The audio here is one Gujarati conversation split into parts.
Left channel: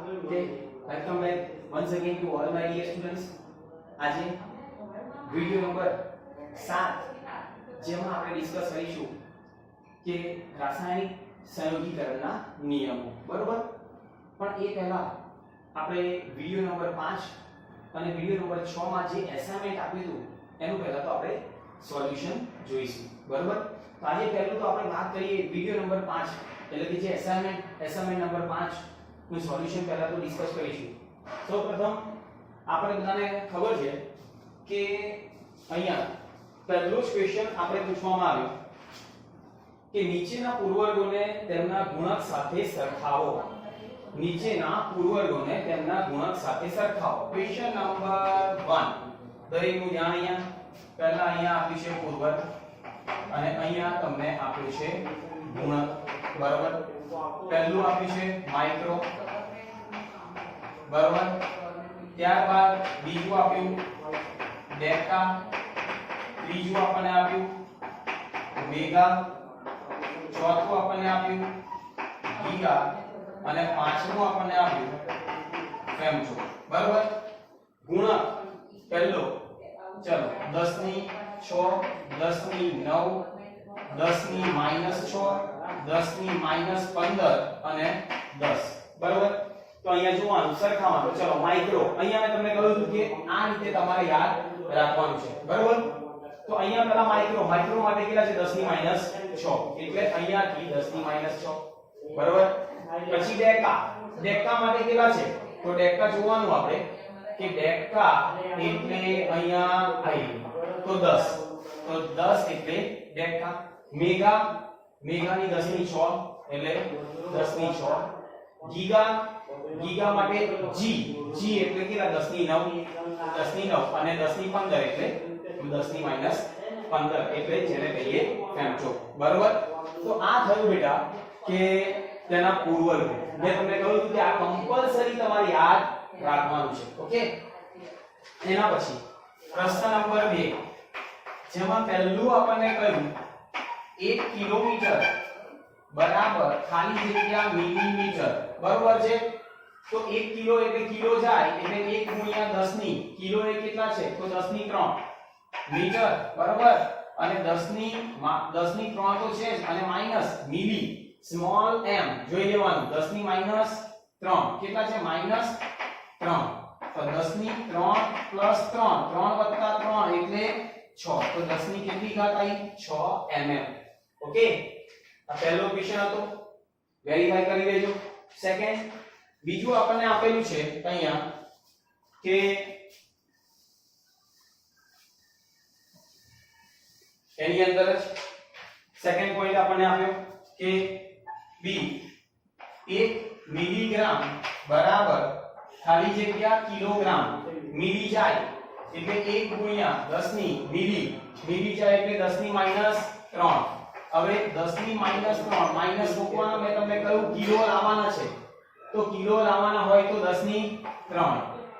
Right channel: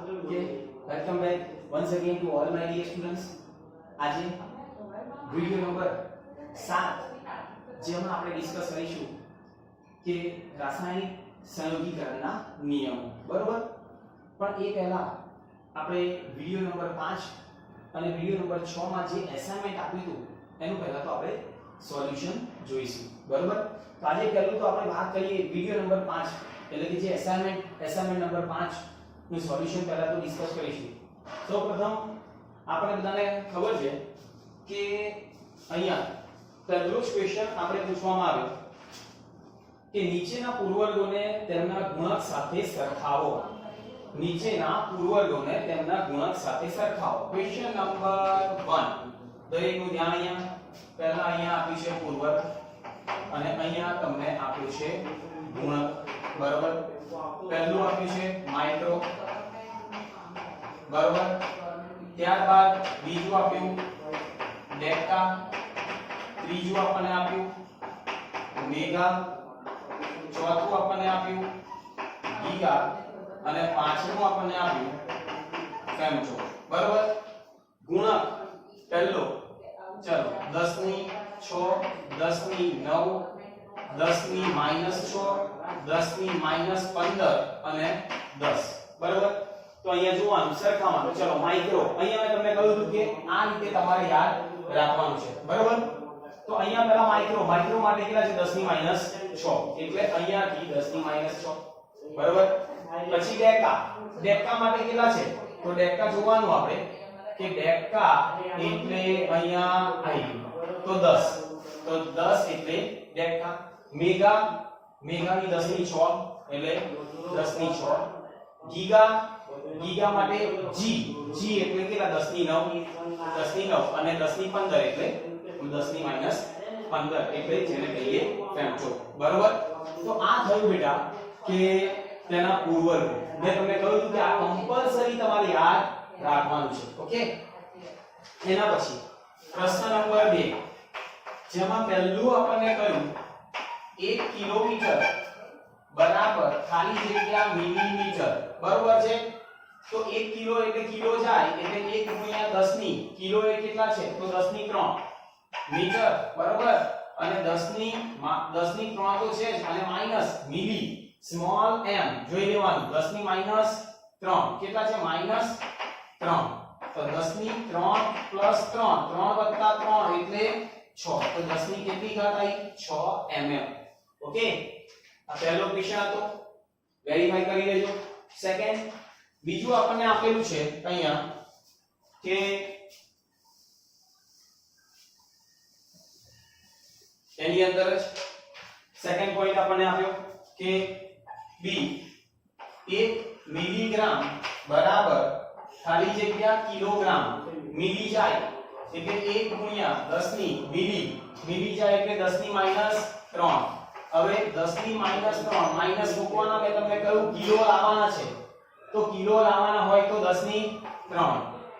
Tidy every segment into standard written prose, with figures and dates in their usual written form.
Okay, welcome back once again to all my dear students. આજે વિડિયો નંબર 7 જેમાં આપણે ડિસ્કસ કરીશું કે રાસાયણિક સંયોગીકરણના નિયમો, બરોબર? પણ એ પહેલા આપણે વિડિયો નંબર 5 અને વિડિયો નંબર 6 માં જે એસાઇનમેન્ટ આપ્યું હતું એનું પહેલા તો આપણે સોલ્યુશન જોઈશું, બરોબર? તો આજે પહેલું તો આપણે વાત કરીએ વિડિયો નંબર 5 એટલે કે જે એસાઇનમેન્ટ નંબર 5 નું સોલ્યુશન પહેલા તો ડિસ્કસ કરીશું. સૌપ્રથમ આપણે બધાને ખબર છે કે અહીંયા પહેલો જ ક્વેશ્ચન આપણે પૂછવામાં આવ્યો કે નીચેના પૂર્વવર્ગોને તેમના ગુણક સાથે સરખાવો. નીચેના પૂર્વવર્ગોને તેમના ગુણક સાથે સરખાવો. Question number 1. દરેકનું ધ્યાન અહીંયા પહેલા અહીંયા આપ્યું છે પૂર્વવર્ગ અને અહીંયા તમને આપ્યું છે ગુણક, બરાબર? પહેલું આપ્યું છે માઇક્રો, બરાબર? ત્યારબાદ બીજું આપ્યું ડેકા, ત્રીજું આપણને આપ્યું મેગા, ચોથું આપણને આપ્યું ગીગા અને પાંચમું આપણને આપ્યું ફેમટો, બરાબર? ગુણક પહેલો ચલો 10 ની 6, 10 ની 9, 10 ની -6, 10 ની -15 અને 10, બરાબર? તો અહીંયા જોવાનું સરખાવાનું. ચલો માઇક્રો, અહીંયા મેં તમને કહ્યું હતું કે આ રીતે તમારે યાદ રાખવાનું છે, બરાબર? તો અહીંયા પહેલા માઇક્રો માટે કેટલા છે? 10 ની -6 એટલે અહીંયાથી 10 ની -6, બરાબર? પછી ડેકા માટે કેટલા છે? તો ડેકા જોવાનું આપણે કે ડેકા એટલે અહીંયા આવી તો 10, તો 10 એટલે ડેકા. મેગાની 10 ની 6 એટલે 10 ની 6. ગીગા માટે જી એટલે કેટલા? 10 ની 9 અને 10 ની 15 એટલે 10 ની -15 એટલે જેને કહીએ ફેમટો, બરાબર? તો આ થયું બેટા કે તેના પૂર્વવર્ગો. મેં તમને કહ્યું કે આ કમ્પલસરી તમારે યાદ રાખવાનું છે, ઓકે? એના પછી પ્રશ્ન નંબર 2 જેમાં પહેલું આપણને કહ્યું 1 કિલોમીટર બરાબર ખાલી જગ્યા મિલીમીટર, બરોબર છે? તો 1 કિલો એટલે કિલો જાય એટલે 1 ગુણ્યા 10 ની કિલો એ કેટલા છે? તો 10 ની 3 મીટર, બરોબર? અને 10 ની 3 તો છે જ અને માઈનસ મિલી સ્મોલ m જોઈ લેવાનું. 10 ની -3 કેટલા છે? -3. તો 10 ની 3 + 3 3 + 3 એટલે 6. તો 10 ની કેટલી ઘાત આવી? 6 mm, ઓકે? આ પહેલો ક્વેશ્ચન હતો, વેરીફાઈ કરી લેજો. સેકન્ડ, બીજું આપણને આપેલું છે અહીંયા કે એની અંદર જ સેકન્ડ પોઈન્ટ આપણને આપ્યો કે બી 1 મિલીગ્રામ બરાબર ખાલી જગ્યા કિલોગ્રામ. મિલી જાય એટલે 1 ગુણ્યા 10 ની મિલી જાય એટલે 10 ની -3. હવે 10 ની -3 માઈનસ મૂકવાના, મેં તમને કહ્યું કિલો લાવવાના છે તો કિલો લાવવાના હોય તો 10 ની 3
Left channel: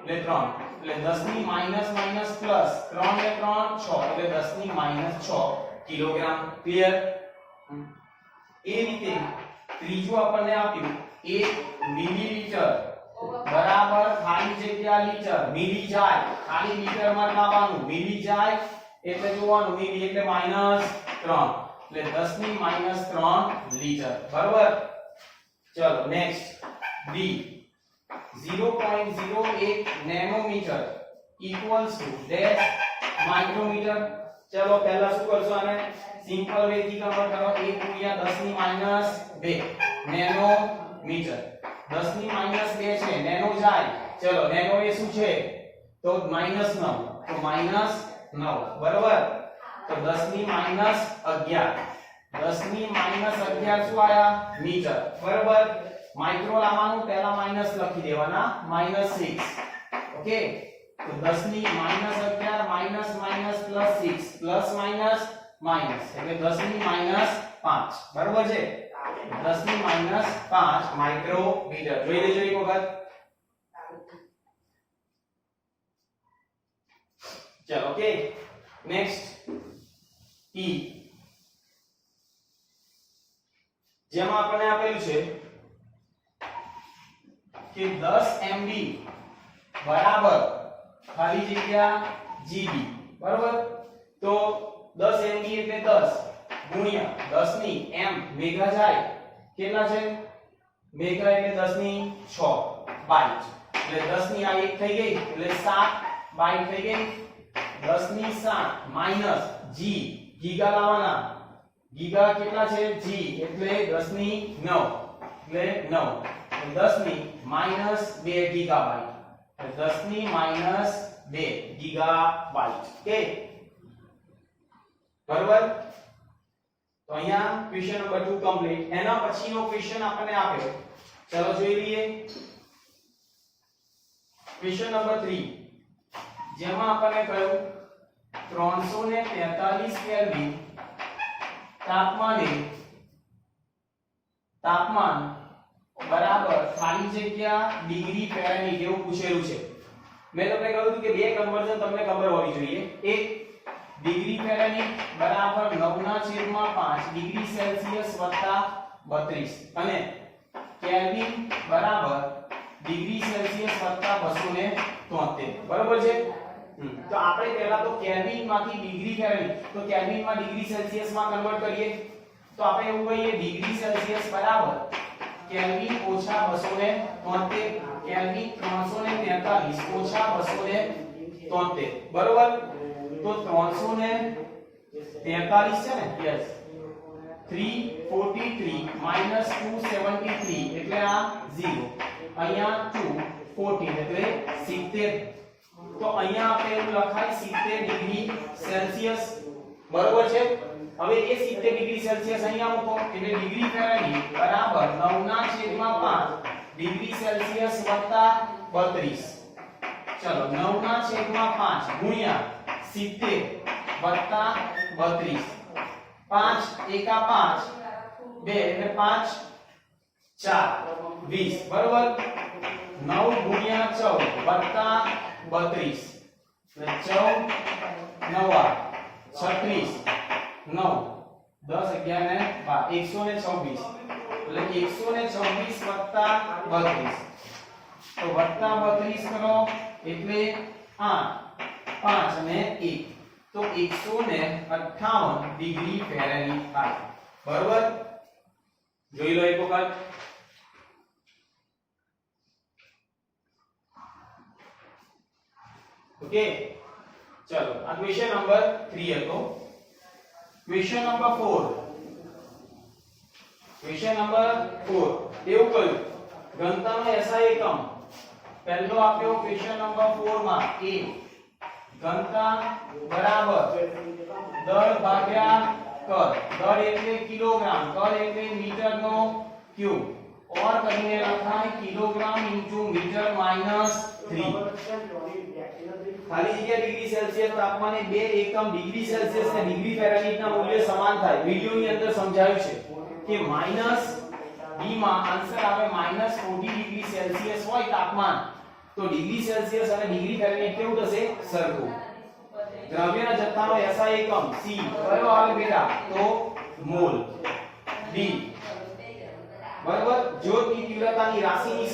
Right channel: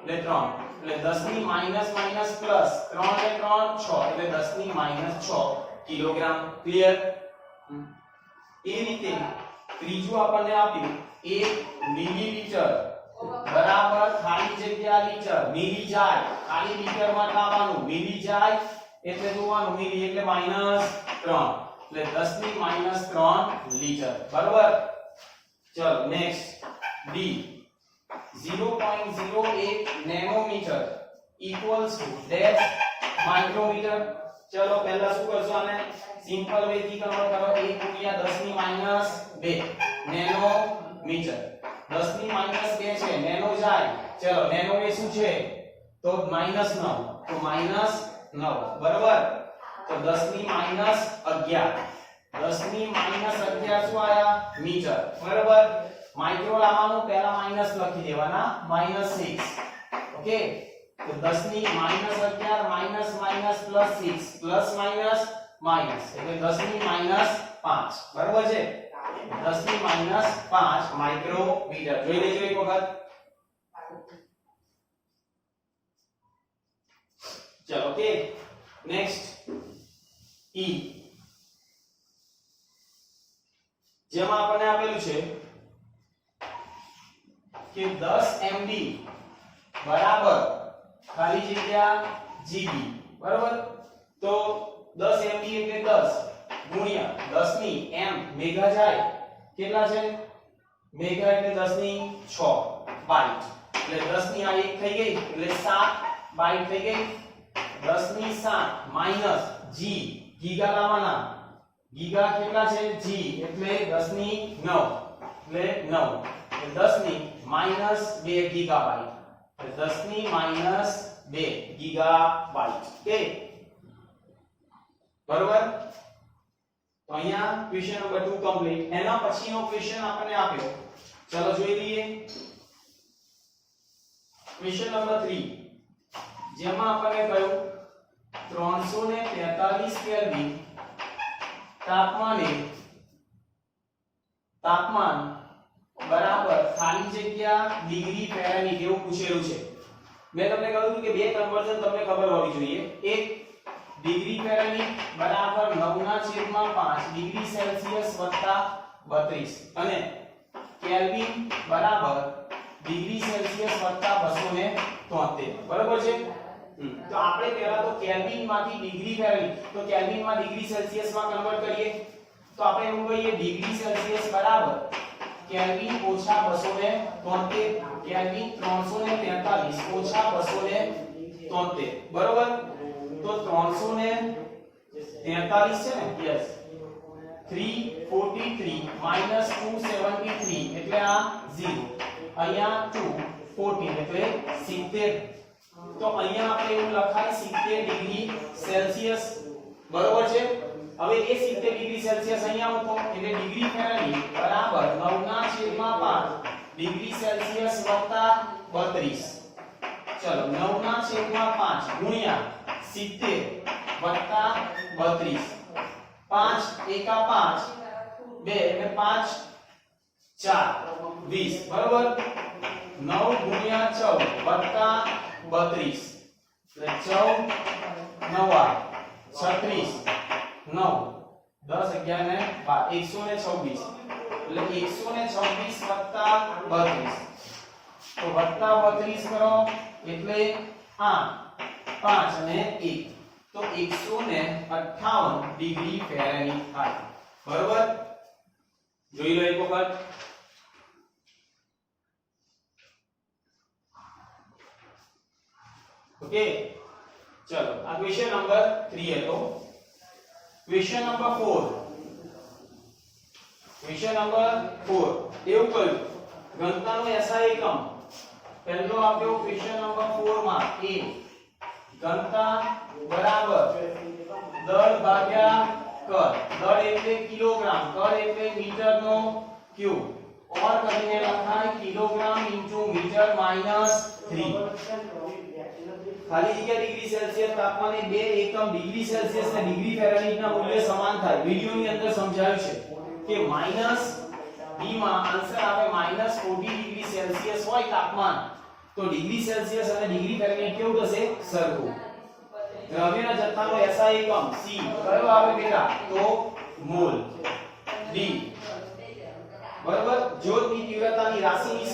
એટલે 3 એટલે 10 ની માઈનસ પ્લસ 3 ને 3 6 એટલે 10 ની -6 કિલોગ્રામ. ક્લિયર? એ રીતે ત્રીજું આપણને આપ્યું 1 મિલીલીટર બરાબર ખાલી જગ્યા લીટર. મિલી જાય ખાલી લીટરમાં નાવાનું, મિલી જાય એટલે જોવાનું મિલી એટલે -3 એટલે 10 ની -3 લીટર, બરાબર? ચલો next B 0.01 nanometre equals to dash micrometre. ચલો પહેલા શું કરશો? આને સિમ્પલ વે થી કન્વર્ટ કરો. 1 ગુણ્યા 10 ની -2 નેનોમીટર. 10 ની -2 છે, નેનો જાય. ચલો નેનો એ શું છે? તો -9, તો -9, બરાબર? તો 10 ની -11, 10 ની -11 શું આયા? મીટર, બરાબર? માઇક્રો લાવવાનું, પહેલા માઈનસ લખી દેવાના, -6, ઓકે? તો 10 ની -11 માઈનસ પ્લસ 6 પ્લસ માઈનસ એટલે 10 ની -5, બરાબર છે? 10 ની -5 માઇક્રોમીટર. જોઈ લેજો એક વખત. ચલો ઓકે, નેક્સ્ટ ઈ જેમાં આપણને આપેલું છે કે 10 MB બરાબર ખાલી જગ્યા GB બરાબર તો 10 MB એટલે 10 ગુણ્યા 10 ની m મેગા જાય કેટલા છે મેગા એટલે 10 ની 6 બાઈટ એટલે 10 ની આ 1 થઈ ગઈ એટલે 7 બાઈટ થઈ ગઈ 10 ની 7 માઈનસ g ગીગા લાવવાના ગીગા કેટલા છે g એટલે 10 ની 9 એટલે 9 10 ની માઈનસ 2 ગીગાબાઈટ એટલે 10 ની માઈનસ 2 ગીગાબાઈટ ઓકે બરાબર તો અહીંયા ક્વેશ્ચન નંબર 2 કમ્પ્લીટ એના પછીનો ક્વેશ્ચન આપણને આપ્યો ચલો જોઈ લઈએ ક્વેશ્ચન નંબર 3 જેમાં આપણને કહ્યું 343 કેલ્વિન તાપમાન બરાબર ખાલી જગ્યા ડિગ્રી ફેરનહીટ એવું પૂછેલું છે મેં તમને કહ્યું કે બે કન્વર્ઝન તમને ખબર હોવી જોઈએ એક ડિગ્રી ફેરનહીટ બરાબર 9/5 ડિગ્રી સેલ્સિયસ વત્તા 32 અને કેલ્વિન બરાબર ડિગ્રી સેલ્સિયસ વત્તા 273 બરાબર છે તો આપણે પહેલા તો કેલ્વિન માંથી ડિગ્રી ફેરનહીટ તો કેલ્વિન માં ડિગ્રી સેલ્સિયસ માં કન્વર્ટ કરીએ તો આપણે એવું કહીએ ડિગ્રી સેલ્સિયસ બરાબર કેલ્વિન ઓછા 273 કેલ્વિન 343 ઓછા 273 બરોબર તો 343 છે ને યસ 343 માઈનસ 273 એટલે આ 0 અહીંયા 214 એટલે 70 તો અહીંયા આપણે એવું લખાય 70 ડિગ્રી સેલ્સિયસ બરોબર છે હવે એ 70 ડિગ્રી સેલ્સિયસ અહીંયા મૂકો એટલે ડિગ્રી ફેરનહીટ બરાબર 9/5 ડિગ્રી સેલ્સિયસ વત્તા 32 ચલો 9/5 ગુણ્યા 70 વત્તા 32 5 એકા 5 2 એટલે 5 4 20 બરોબર 9 ગુણ્યા 14 વત્તા 32 એટલે 14 9 36 9 10 11 ને 12 126 એટલે 126 વત્તા 32 તો વત્તા 32 કરો એટલે 8 5 અને 1 તો 158 ડિગ્રી ફેરનહીટ થાય બરોબર જોઈ લો એક વખત ઓકે ચલો આ ક્વેશ્ચન નંબર 3 હતો ક્વેશ્ચન નંબર 4 એવું કહ્યું ઘનતાનો SI એકમ પહેલો આપ્યો ક્વેશ્ચન નંબર 4 માં a ઘનતા બરાબર દળ ભાગ્યા કદ દળ એટલે કિલોગ્રામ કદ એટલે મીટરનો ક્યુબ ઓર કરીને લખાય કિલોગ્રામ ઇન્ટુ મીટર માઈનસ 3 ખાલી જગ્યા ડિગ્રી સેલ્સિયસ તાપમાને બે એકમ ડિગ્રી સેલ્સિયસ અને ડિગ્રી ફેરનહીટ ના મૂલ્ય સમાન થાય વિડિયોની અંદર સમજાવ્યું છે કે માઈનસ b માં આન્સર આવે માઈનસ 40 ડિગ્રી સેલ્સિયસ હોય તાપમાન તો ડિગ્રી સેલ્સિયસ અને ડિગ્રી ફેરનહીટ કેવું થશે સરખું દ્રવ્યના જથ્થાનો SI એકમ c કયો આવે બેટા તો મોલ d બરાબર જ્યોતની તીવ્રતાની રાશિની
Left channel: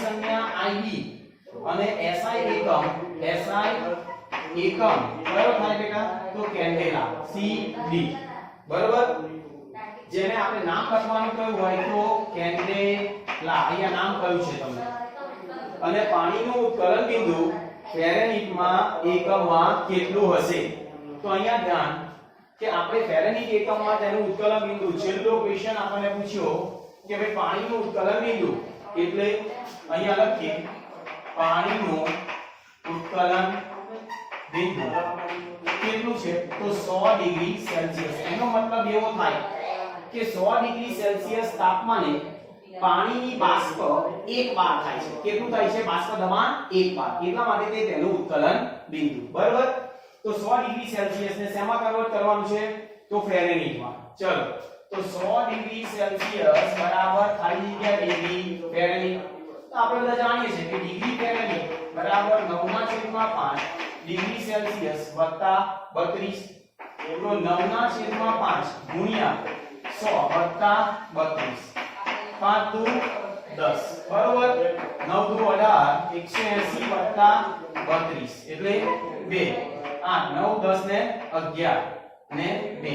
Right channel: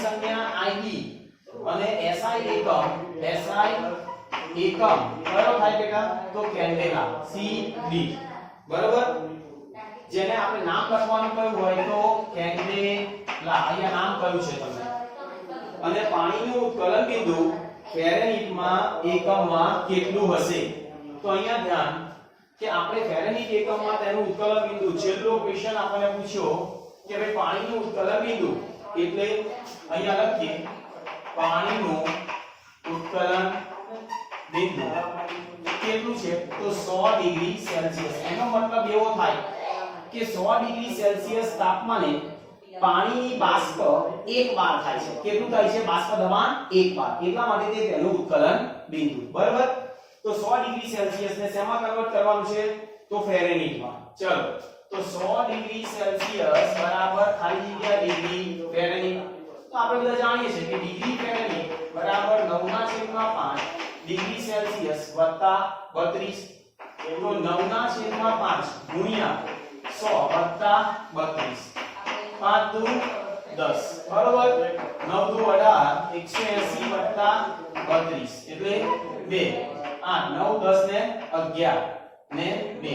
સંજ્ઞા IB અને SI એકમ કયો થાય બેટા તો કેન્ડેલા CD બરાબર જેને આપણે નામ લખવાનું કહ્યું હોય તો કેન્ડેલા અહીંયા નામ કહ્યું છે તમને અને પાણીનું ઉત્કલન બિંદુ ફેરનહીટમાં એકમમાં કેટલું હશે તો અહીંયા ધ્યાન કે આપણે ફેરનહીટ એકમમાં તેનું ઉત્કલન બિંદુ છેલ્લો ક્વેશ્ચન આપણને પૂછ્યો કે ભાઈ પાણીનું ઉત્કલન બિંદુ એટલે અહીંયા લખીએ પાણીનું ઉત્કલન બિંદુ કેટલું છે તો 100 ડિગ્રી સેલ્સિયસ એનો મતલબ એવો થાય કે 100 ડિગ્રી સેલ્સિયસ તાપમાને પાણીની બાષ્પ એક વાર થાય છે કેટલું થાય છે બાષ્પ દબાણ એક વાર એટલા માટે તે તેનું ઉત્કલન બિંદુ બરાબર તો 100 ડિગ્રી સેલ્સિયસ ને શેમાં કન્વર્ટ કરવાનું છે તો ફેરનહીટમાં ચલો તો 100 ડિગ્રી સેલ્સિયસ બરાબર ખાલી જગ્યા ડિગ્રી ફેરનહીટ તો આપણે બધા જાણીએ છીએ કે ડિગ્રી ફેરનહીટ બરાબર 9/5 ડિગ્રી સેલ્સિયસ વત્તા 32 તો 9/5 ગુણ્યા 100 વત્તા 32 5 દુ 10 બરોબર 9 દુ 18 180 + 32 એટલે 2 8 9 10 ને 11 ને 2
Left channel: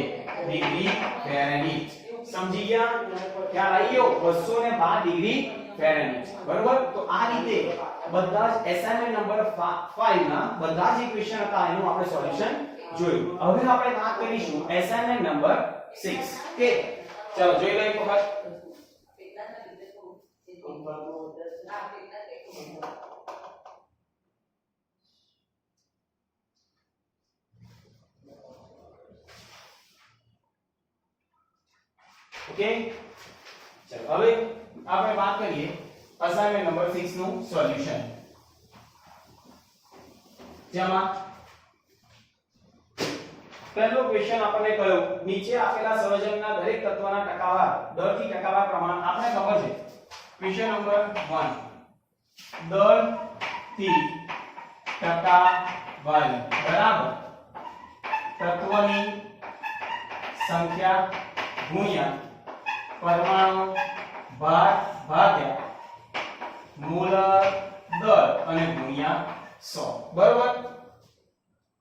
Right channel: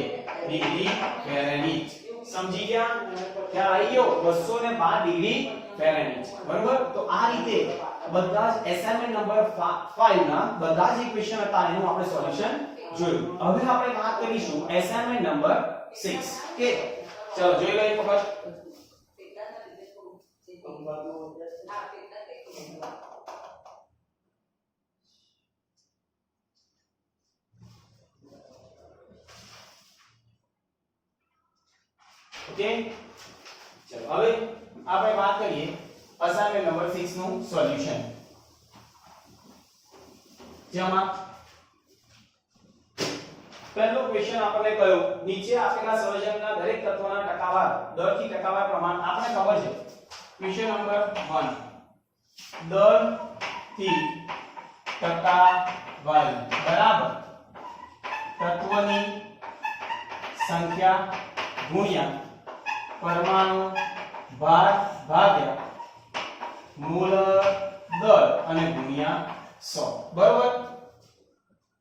ડિગ્રી ફેરનહીટ સમજી ગયા ખ્યાલ આવી ગયો 212 ડિગ્રી ફેરનહીટ બરોબર તો આ રીતે બધા જ એસાઇનમેન્ટ નંબર 5 ના બધા જ ઇક્વેશન હતા એનું આપણે સોલ્યુશન જોયું હવે આપણે વાત કરીશું એસાઇનમેન્ટ નંબર 6 કે ચલો જોઈ લઈએ એક વખત ઓકે ચલો હવે આપણે વાત કરીએ અસાઇનમેન્ટ નંબર 6 નું સોલ્યુશન જેમાં પહેલો ક્વેશ્ચન આપણને કયો નીચે આપેલા સંયોજનના દરેક તત્વના ટકાવાર દરથી ટકાવાર પ્રમાણ આપણે ખબર છે ક્વેશ્ચન નંબર 1 દરથી ટકાવાર બરાબર તત્વની સંખ્યા ગુણ્યા પરમાણુ ભાર ભાગ્યા મૂળ દર અને ગુણ્યા 100 બરાબર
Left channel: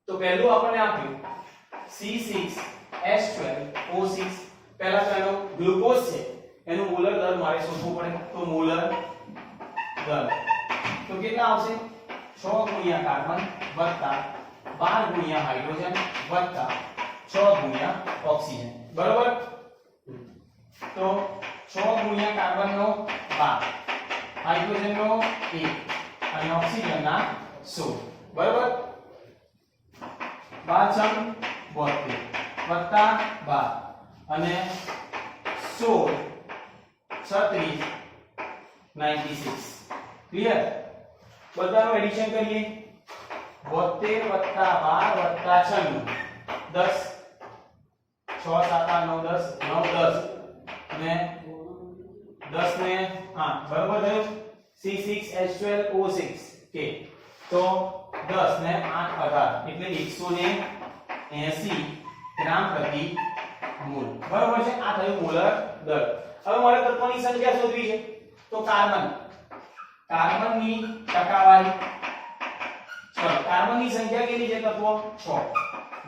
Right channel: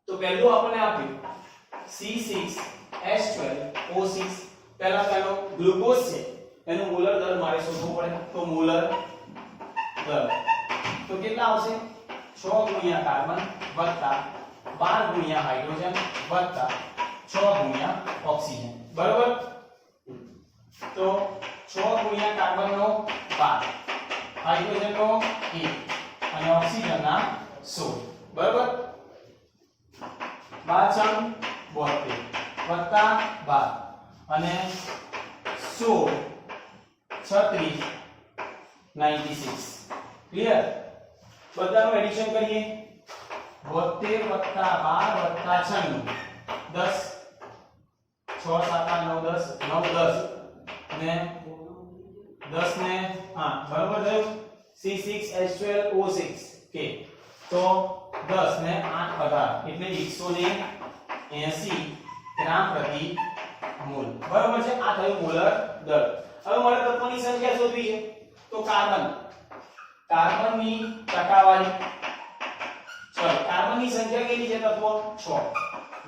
તો પહેલું આપણને આપ્યું C6H12O6 પહેલા તો એનો ગ્લુકોઝ છે એનો મોલર દર મારે શોધવું પડે તો મોલર દર તો કેટલા આવશે 6 ગુણ્યા કાર્બન વત્તા 12 ગુણ્યા હાઇડ્રોજન વત્તા 6 ગુણ્યા ઓક્સિજન બરાબર તો 6 ગુણ્યા કાર્બન નો 12 હાઇડ્રોજન નો 1 અને ઓક્સિજન ના 16 બરાબર 12 72 વત્તા 12 અને 16 36 96 ક્લિયર બધાનું એડિશન કરીએ 72 વત્તા 12 વત્તા 96 10 6 7 8 9 10 9 10 અને 10 ને હા બરાબર થયું C6H12O6 કે તો 10 ને 8 18 એટલે 180 ગ્રામ પ્રતિ મોલ બરાબર છે આ થયું મોલર દર હવે મારે તત્વની સંખ્યા શોધવી છે તો કાર્બનની ટકાવારી ચલો કાર્બનની સંખ્યા કેટલી છે તત્વો 6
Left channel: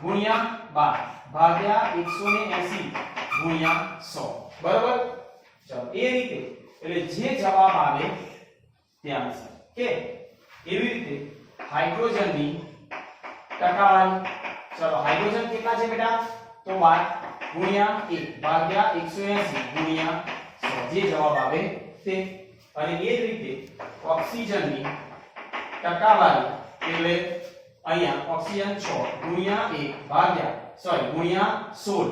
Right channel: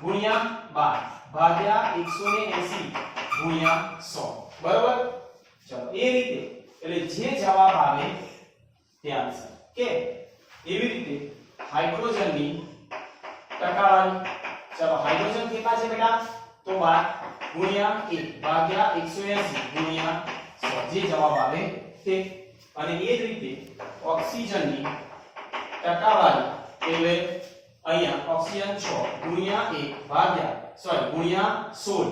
ગુણ્યા 12 ભાગ્યા 180 ગુણ્યા 100 બરાબર ચલો એ રીતે એટલે જે જવાબ આવે તે આન્સર કે એવી રીતે હાઇડ્રોજનની ટકાવારી ચલો હાઇડ્રોજન કેટલા છે બેટા તો 12 ગુણ્યા 1 ભાગ્યા 180 ગુણ્યા 100 જે જવાબ આવે તે અને એ જ રીતે ઓક્સિજનની ટકાવારી એટલે અહીંયા ઓક્સિજન 6 ગુણ્યા 1 ભાગ્યા ગુણ્યા 16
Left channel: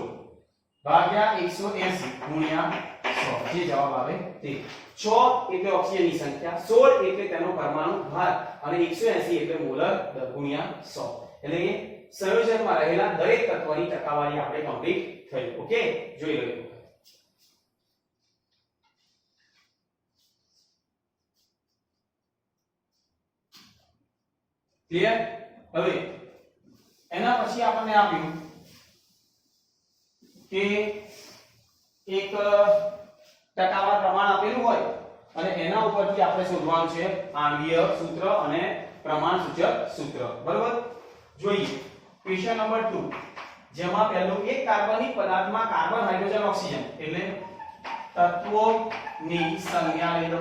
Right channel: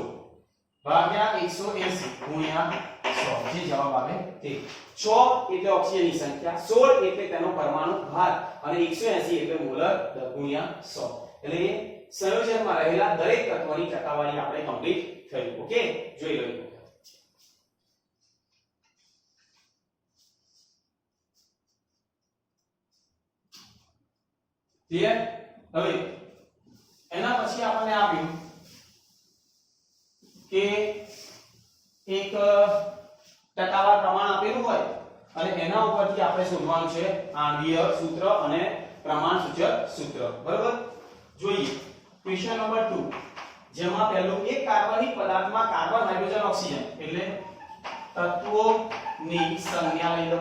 ભાગ્યા 180 ગુણ્યા 100 જે જવાબ આવે તે 6 એટલે ઓક્સિજનની સંખ્યા 16 એટલે તેનો પરમાણુ ભાર અને 180 એટલે મોલર દર ગુણ્યા 100 એટલે કે સંયોજનમાં રહેલા દરેક તત્વની ટકાવારી આપણે કમ્પ્લીટ થઈ ઓકે જોઈ લો ક્લિયર હવે એના પછી આપણને આપ્યું કે એક ટકાવાર પ્રમાણ આપેલું હોય અને એના ઉપરથી આપણે શોધવાનું છે આણ્વીય સૂત્ર અને પ્રમાણસૂચક સૂત્ર બરાબર જોઈએ ક્વેશ્ચન નંબર 2 જેમાં પહેલું એક કાર્બનિક પદાર્થમાં કાર્બન હાઇડ્રોજન ઓક્સિજન એટલે તત્વોની સંજ્ઞા લઈ લો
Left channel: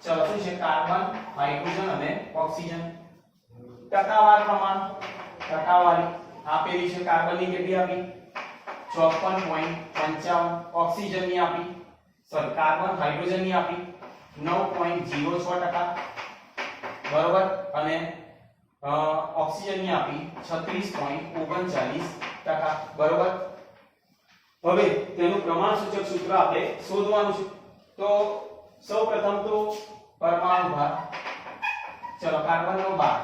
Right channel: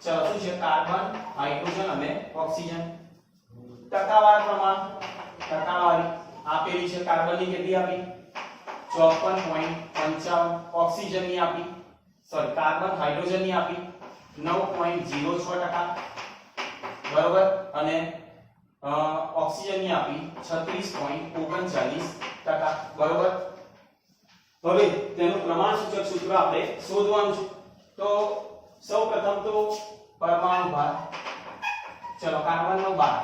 ચલો શું છે કાર્બન હાઇડ્રોજન અને ઓક્સિજન ટકાવાર પ્રમાણ ટકાવારી આપેલી છે કાર્બનની કેટલી આપી 54.55 ઓક્સિજનની આપી સોરી કાર્બન હાઇડ્રોજનની આપી 9.06% બરાબર અને ઓક્સિજનની આપી 36.39% બરાબર હવે તેનું પ્રમાણસૂચક સૂત્ર આપણે શોધવાનું છે તો સૌપ્રથમ તો પરમાણુ ભાર ચલો કાર્બનનો 12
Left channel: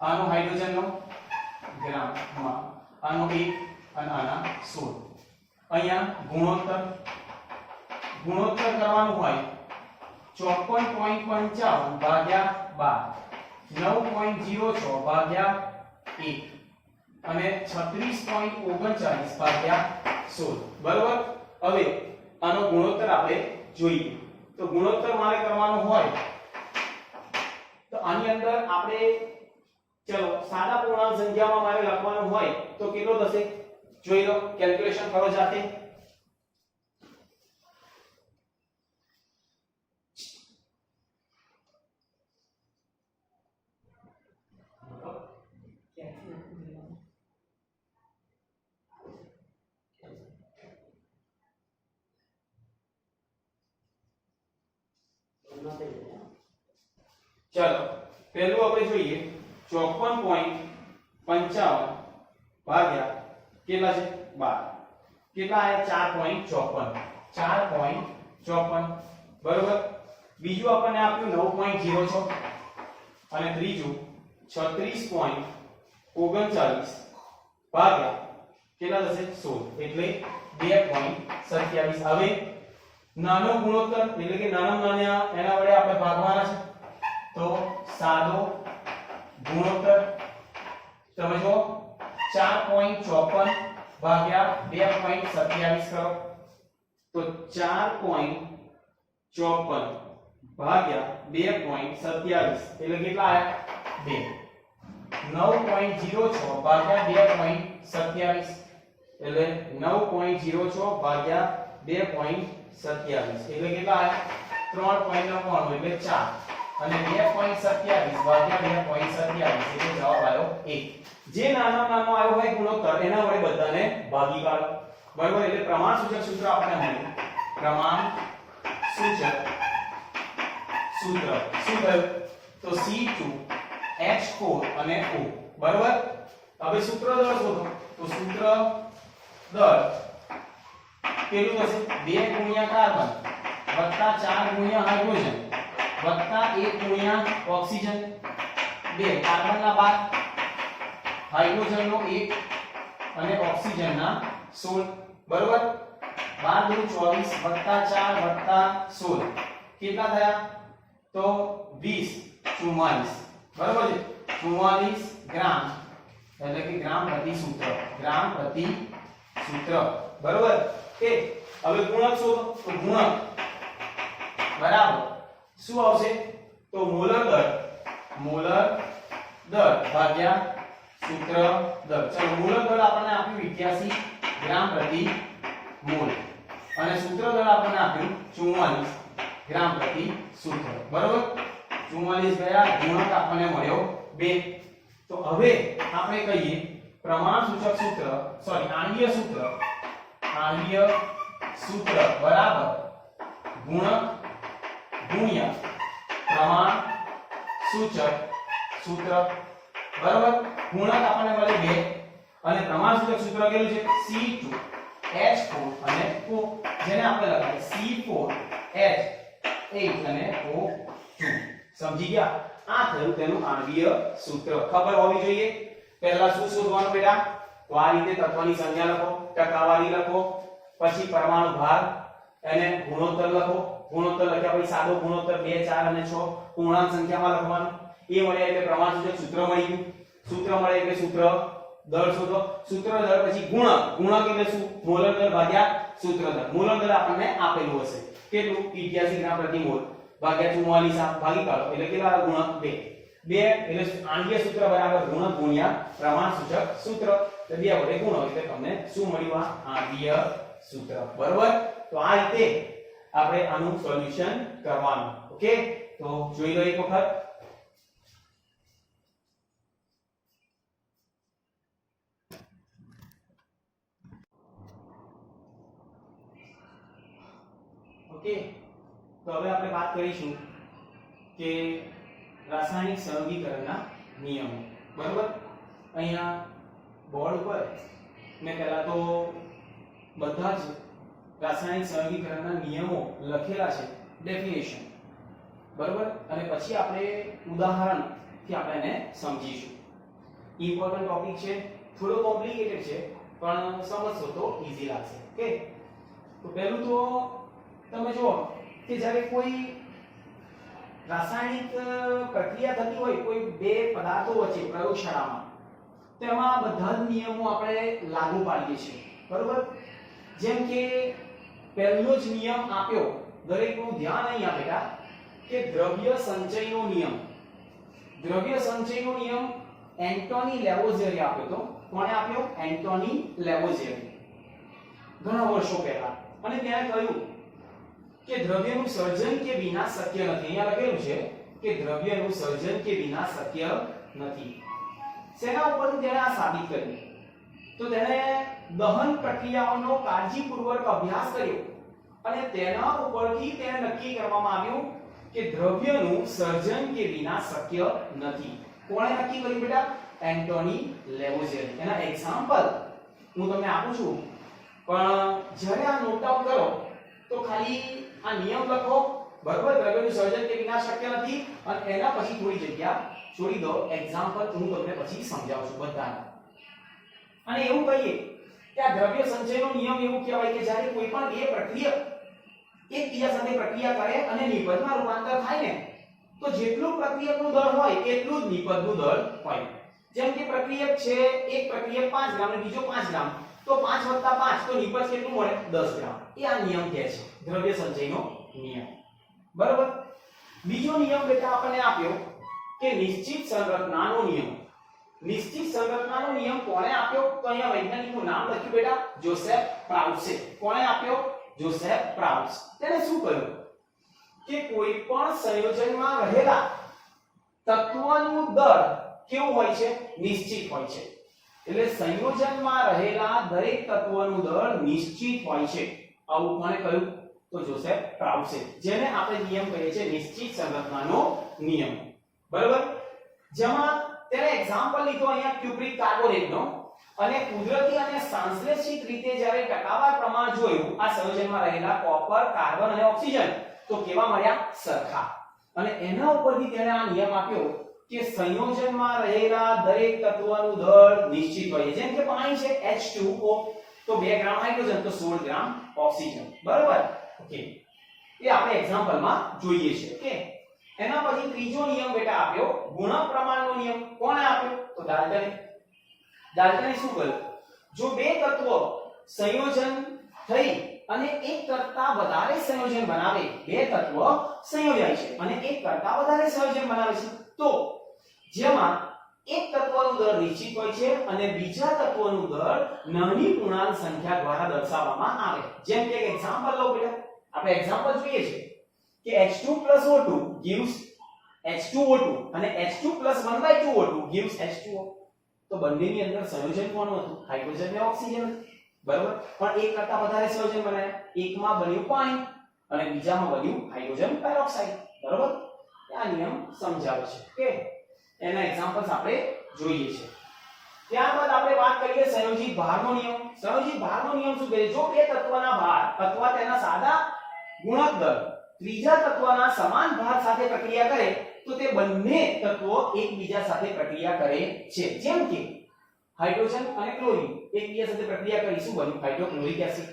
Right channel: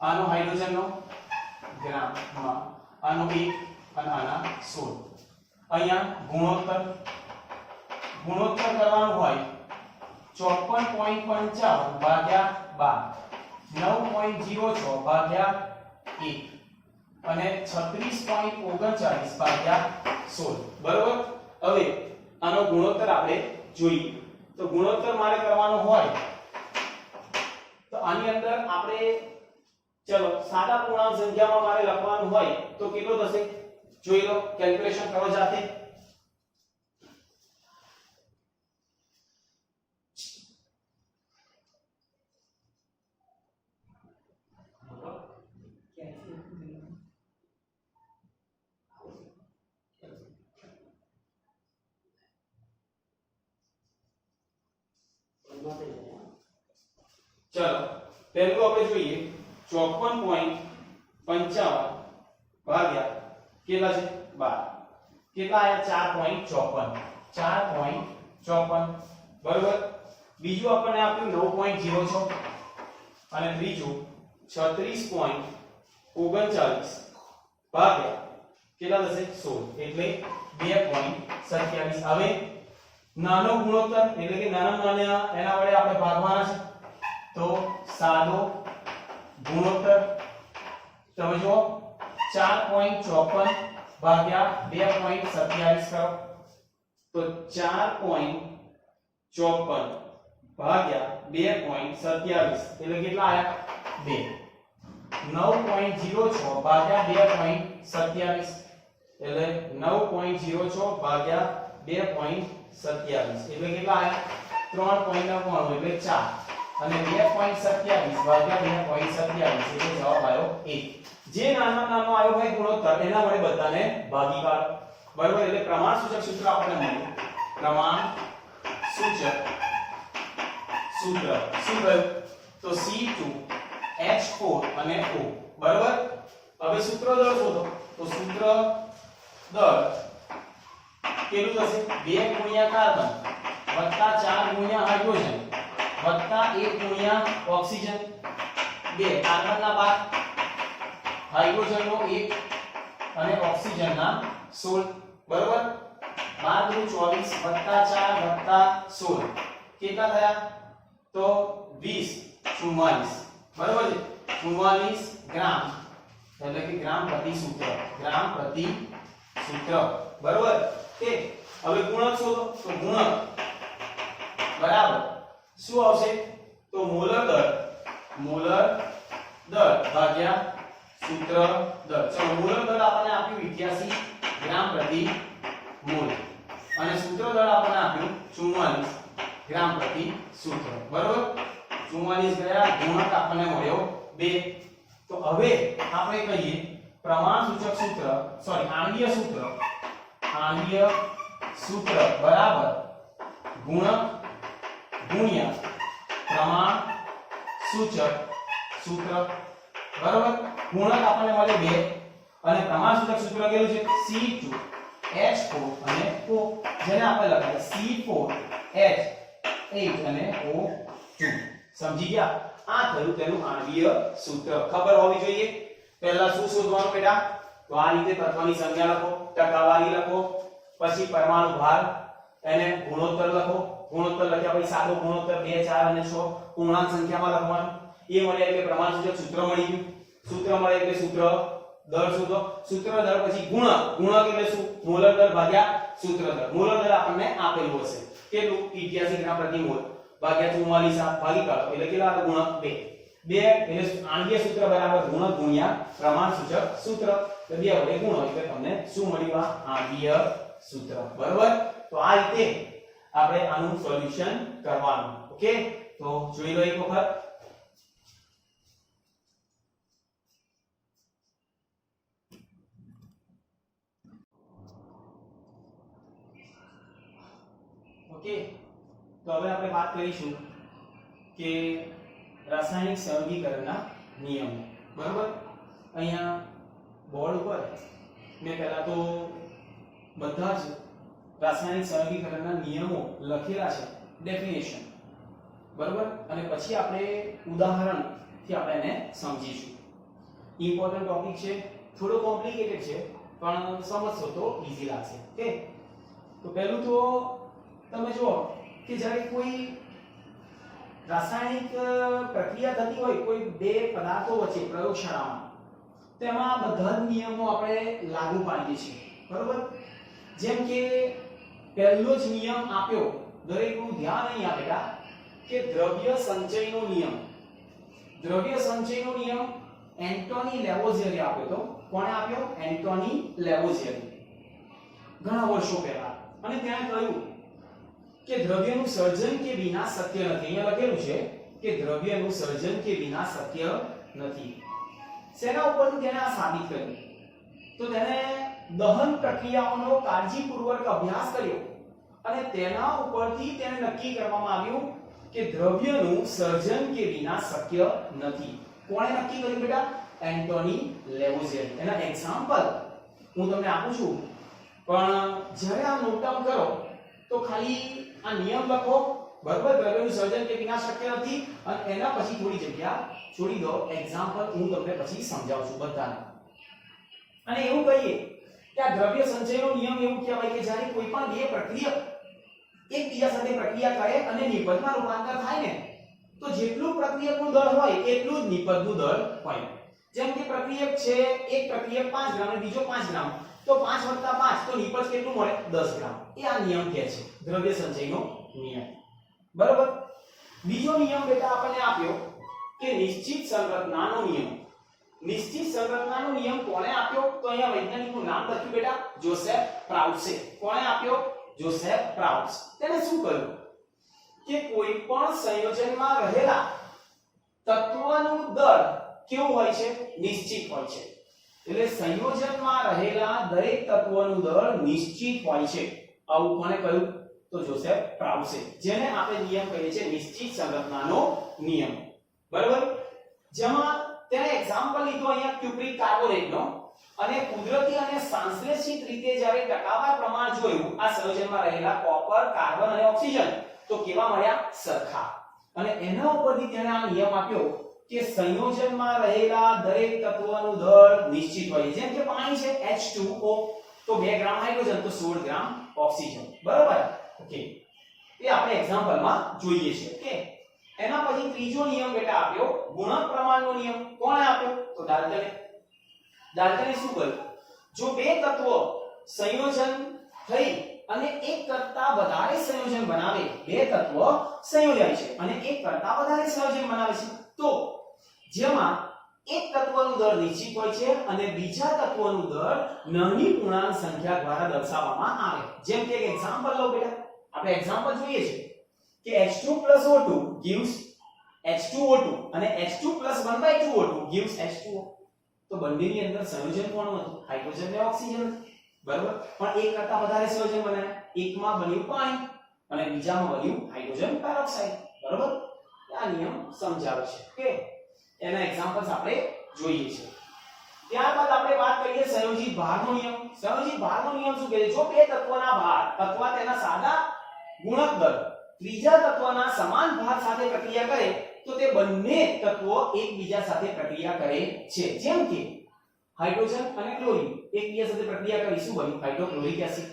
આનો હાઇડ્રોજનનો ગ્રામમાં આનો 1 અને આના 16 અહીંયા ગુણોત્તર કરવાનું હોય 54.55 ભાગ્યા 12 9.06 ભાગ્યા 1 અને 36.39 ભાગ્યા 16 બરાબર હવે આનો ગુણોત્તર આપણે જોઈએ તો તો ગુણોત્તર મારે કરવાનો હોય તો આની અંદર આપણે ચલો સાદા પૂર્ણાંક સંખ્યામાં મારે લખવાનું હોય તો કેટલો થશે જોઈ લો કેલ્ક્યુલેશન કરો જાતે चलो पहलू આપણે જોઈએ 54.55 ભાગ્યા કેટલા છે 12 કેટલા આયા 4.54 બરોબર બીજું આપણને આપ્યું 9.06 અને ત્રીજું 36.39 ભાગ્યા કેટલા થશે 16 એટલે 2.27 હવે નાનો ગુણોત્તર એટલે કે નાના એના વડે આપણે ભાગવાના છે तो सादो गुणोत्तर તમે જો 4.54 ભાગ્યા 2.27 કરો તો 4.54 ભાગ્યા 2.27 એટલે કેટલા આયા 2 9.06 ભાગ્યા 2.27 એટલે 9.06 ભાગ્યા 2.27 એટલે કેટલા આયા 3.99 એટલે 4 અને 2.27 ભાગ્યા 2.27 એટલે જવાબ આવ્યો 1 જે નાનો આવ્યો હોય ગુણોત્તર એના વડે બધાને ભાગી કાઢો બરાબર એટલે પ્રમાણ સૂચક સૂત્ર આપણે મળ્યું પ્રમાણ સૂચક સૂત્ર શું કહ્યું તો C2H4 અને O બરાબર હવે સૂત્ર દળ શોધો તો સૂત્ર દળ કેટલું થશે 2 ગુણ્યા કાર્બન વત્તા 4 ગુણ્યા હાઇડ્રોજન વત્તા 1 ગુણ્યા ઓક્સિજન 2 કાર્બનના 12 હાઇડ્રોજનનો 1 અને ઓક્સિજનના 16 બરોબર 12 * 24 વત્તા 4 વત્તા 16 કેટલા થયા તો 20 44 બરોબર છે 44 ગ્રામ એટલે કે ગ્રામ પ્રતિ સૂત્ર બરોબર કે હવે ગુણક શોધો તો ગુણક બરાબર શું આવશે તો મોલર દર ભાગ્યા સૂત્ર દર ચલો મોલર દર આપણને આપ્યું 81 ગ્રામ પ્રતિ મોલ અને સૂત્ર દર આપણને આપ્યું 44 ગ્રામ પ્રતિ સૂત્ર બરોબર 44 ગયા ગુણક આપણને મળ્યો 2 તો હવે આપણે કહીએ પ્રમાણ સૂચક સૂત્ર સોરી આણ્વીય સૂત્ર બરાબર ગુણક ગુણ્યા પ્રમાણ સૂચક સૂત્ર બરાબર ગુણક આપણને મળે 2 અને પ્રમાણ સૂચક સૂત્ર કેટલું છે C2H4 અને O જેને આપણે લખાય C4H8 અને O2 સમજી ગયા આ થયું તેનું આણ્વીય સૂત્ર ખબર હોવી જોઈએ પહેલા શું શોધવાનું બેટા તો આ રીતે તત્વની સંખ્યા લખો ટકાવારી લખો પછી પરમાણુ ભાર એને ગુણોત્તર લખો ગુણોત્તર લખ્યા પછી સાદો ગુણોત્તર 2 4 અને 6 પૂર્ણાંક સંખ્યામાં લખવાનું એ મળે એટલે પ્રમાણ સૂચક સૂત્ર મળી ગયું સૂત્ર મળે એટલે સૂત્ર દર શોધો સૂત્ર દર પછી ગુણક એટલે શું મોલર દર ભાગ્યા સૂત્ર દર મોલર દર આપણને આપેલું હશે કેટલું 81 ગ્રામ પ્રતિ મોલ ભાગ્યા 44 ભાગી કાઢો એટલે કેટલા ગુણક 2 એટલે આણ્વીય સૂત્ર બરાબર ગુણક ગુણ્યા પ્રમાણ સૂચક સૂત્ર તો 2 વડે ગુણો એટલે તમને શું મળ્યું આ આણ્વીય સૂત્ર બરાબર તો આ રીતે આપણે આનું સોલ્યુશન કરવાનું ઓકે તો જોઈ લો એક વખત ઓકે તો હવે આપણે વાત કરીશું કે રાસાયણિક સહયોગીકરણના નિયમો બરાબર અહીંયા બોર્ડ ઉપર મેં પહેલા તો બધા જ રાસાયણિક સહયોગીકરણના નિયમો લખેલા છે ડેફિનેશન બરાબર અને પછી આપણે ઉદાહરણ થી આપણે એને સમજીશું ઇમ્પોર્ટન્ટ ટોપિક છે થોડો કોમ્પ્લિકેટેડ છે પણ સમજશો તો ઈઝી લાગશે ઓકે તો પહેલું તો તમે જુઓ કે જ્યારે કોઈ રાસાયણિક પ્રક્રિયા થતી હોય કોઈ બે પદાર્થો વચ્ચે પ્રયોગશાળામાં તેમાં બધા જ નિયમો આપણે લાગુ પાડીએ છીએ બરાબર જેમ કે પહેલો જ નિયમ આપ્યો, દરેકનું ધ્યાન અહીં આ બેટા, કે દ્રવ્ય સંચયનો નિયમ. દ્રવ્ય સંચયનો નિયમ એન્ટોની લેવોઝિયરે આપ્યો તો. કોણે આપ્યો? એન્ટોની લેવોઝિયરે, ઘણા વર્ષો પહેલા. અને ત્યાં કહ્યું કે દ્રવ્યનું સર્જન કે વિનાશ શક્ય નથી. અહીંયા લખેલું છે કે દ્રવ્યનું સર્જન કે વિનાશ શક્ય નથી. શેના ઉપરથી તેણે આ સાબિત કર્યું? તો તેણે દહન પ્રક્રિયાઓનો કાળજીપૂર્વક અભ્યાસ કર્યો અને તેના ઉપરથી તેને નક્કી કરવામાં આવ્યું કે દ્રવ્યનું સર્જન કે વિનાશ શક્ય નથી. કોણે નક્કી કર્યું બેટા? એન્ટોની લેવોઝિયર. એના એક્ઝામ્પલ હું તમને આપું છું, પણ જ્યારે આ નોટ ડાઉન કરો તો ખાલી આ નિયમ લખો, બરાબર? દ્રવ્યનું સર્જન કે વિનાશ શક્ય નથી, અને એના પછી થોડી જગ્યા છોડી દો. એક્ઝામ્પલ હું તમને પછી સમજાવું છું બધાને. અને એવું કહીએ કે આ દ્રવ્ય સંચયનો નિયમ એવું કહેવાય કે જ્યારે કોઈ પણ બે પ્રક્રિયા એકબીજા સાથે પ્રક્રિયા કરે અને નિપજમાં રૂપાંતર થાય ને, તો જેટલું પ્રક્રિયકનું દળ હોય એટલું જ નિપજનું દળ હોય. જેમ કે પ્રક્રિયક છે, એક પ્રક્રિયક 5 ગ્રામ અને બીજો 5 ગ્રામ, તો 5 + 5 તો નિપજ કેટલું મળે? 10 ગ્રામ. એ આ નિયમ કહે છે, દ્રવ્ય સંચયનો નિયમ. બરાબર? બીજો નિયમ બેટા આપણને આપ્યો કે નિશ્ચિત સંરચનાનો નિયમ. નિશ્ચિત સંરચનાનો નિયમ કોણે આપ્યો? તો અહીંયા વૈજ્ઞાનિકનું નામ લખ્યું બેટા, જોસેફ પ્રાઉસે. કોણે આપ્યો? જોસેફ પ્રાઉસ. તેને શું કહ્યું કે કોઈ પણ સંયોજનમાં રહેલા તત્વોનું દળ કેવું હોય છે? નિશ્ચિત હોય છે. એટલે સંયોજનમાં રહેલા દરેક તત્વોનું દળ નિશ્ચિત હોય છે. આવું કોણે કહ્યું? તો જોસેફ પ્રાઉસે, જેને આપણે નિયમ કહીએ છીએ નિશ્ચિત સંરચનાનો નિયમ. બરાબર? જેમાં તેને એક્ઝામ્પલ લીધો અહીંયા ક્યુપ્રિક કાર્બોનેટનો, અને કુદરતી અને સંશ્લેષિત રીતે જ્યારે ટકાવાર પ્રમાણ જોયું આ સંયોજનમાં રહેલા કોપર, કાર્બન અને ઓક્સિજન, તો કેવા મળ્યા? સરખા. અને એના ઉપરથી તેણે આ નિયમ આપ્યો કે સંયોજનમાં રહેલા દરેક તત્વનું દળ નિશ્ચિત હોય. જેમ કે પાણી છે H2O, તો 2 ગ્રામ હાઇડ્રોજન તો 16 ગ્રામ ઓક્સિજન. બરાબર? ઓકે, એ આપણે એક્ઝામ્પલમાં જોઈએ છે. ઓકે, એના પછી ત્રીજો નિયમ બેટા આપ્યો, ગુણક પ્રમાણનો નિયમ. કોણે આપ્યો? તો ડાલ્ટને. ડાલ્ટને શું કર્યું? જો બે તત્વો સંયોજન થઈ અને એક કરતા વધારે સંયોજન બનાવે, બે તત્વો સંયોજાય છે અને એક કરતા વધારે સંયોજન બનાવે છે, તો જેમાં એક તત્વનું દળ નિશ્ચિત હોય છે અને બીજા તત્વનું દળ નાની પૂર્ણાંક સંખ્યા દ્વારા દર્શાવવામાં આવે. જેમ કે એક એક્ઝામ્પલ લો બેટા, આપણે એક્ઝામ્પલ જોઈએ છે કે H2 + O2 gives H2O2 અને H2 + 1/2O2 gives H2O. તો બંનેની અંદર સંયોજન કોણ હતું? હાઇડ્રોજન અને ઓક્સિજન. બરાબર? પણ એક કરતા વધારે સંયોજન બનાવ્યા. એકમાં બન્યું પાણી અને બીજામાં બન્યું હાઇડ્રોજન પેરોક્સાઇડ. બરાબર? આ નિયમ સમજાવે છે. ઓકે, એના એક્ઝામ્પલ્સ આપણે જોઈએ છે. ત્યારબાદ આપણે વાત કરીએ સંયોજિત ભારનો નિયમ. સંયોજિત ભારનો નિયમ શું કહે છે? જો બે તત્વના ભાર અથવા તેના સાદા ગુણક દળ ત્રીજા તત્વના સમાન ભાર સાથે પ્રક્રિયા કરે, તો તે બંને તત્વો એકબીજા સાથે પ્રક્રિયા કરે છે. જેમ કે હાઇડ્રોજન અને ક્લોરીન એકબીજા સાથે પ્રક્રિયા કરી, શું બન્યું? Hydrochloric acid.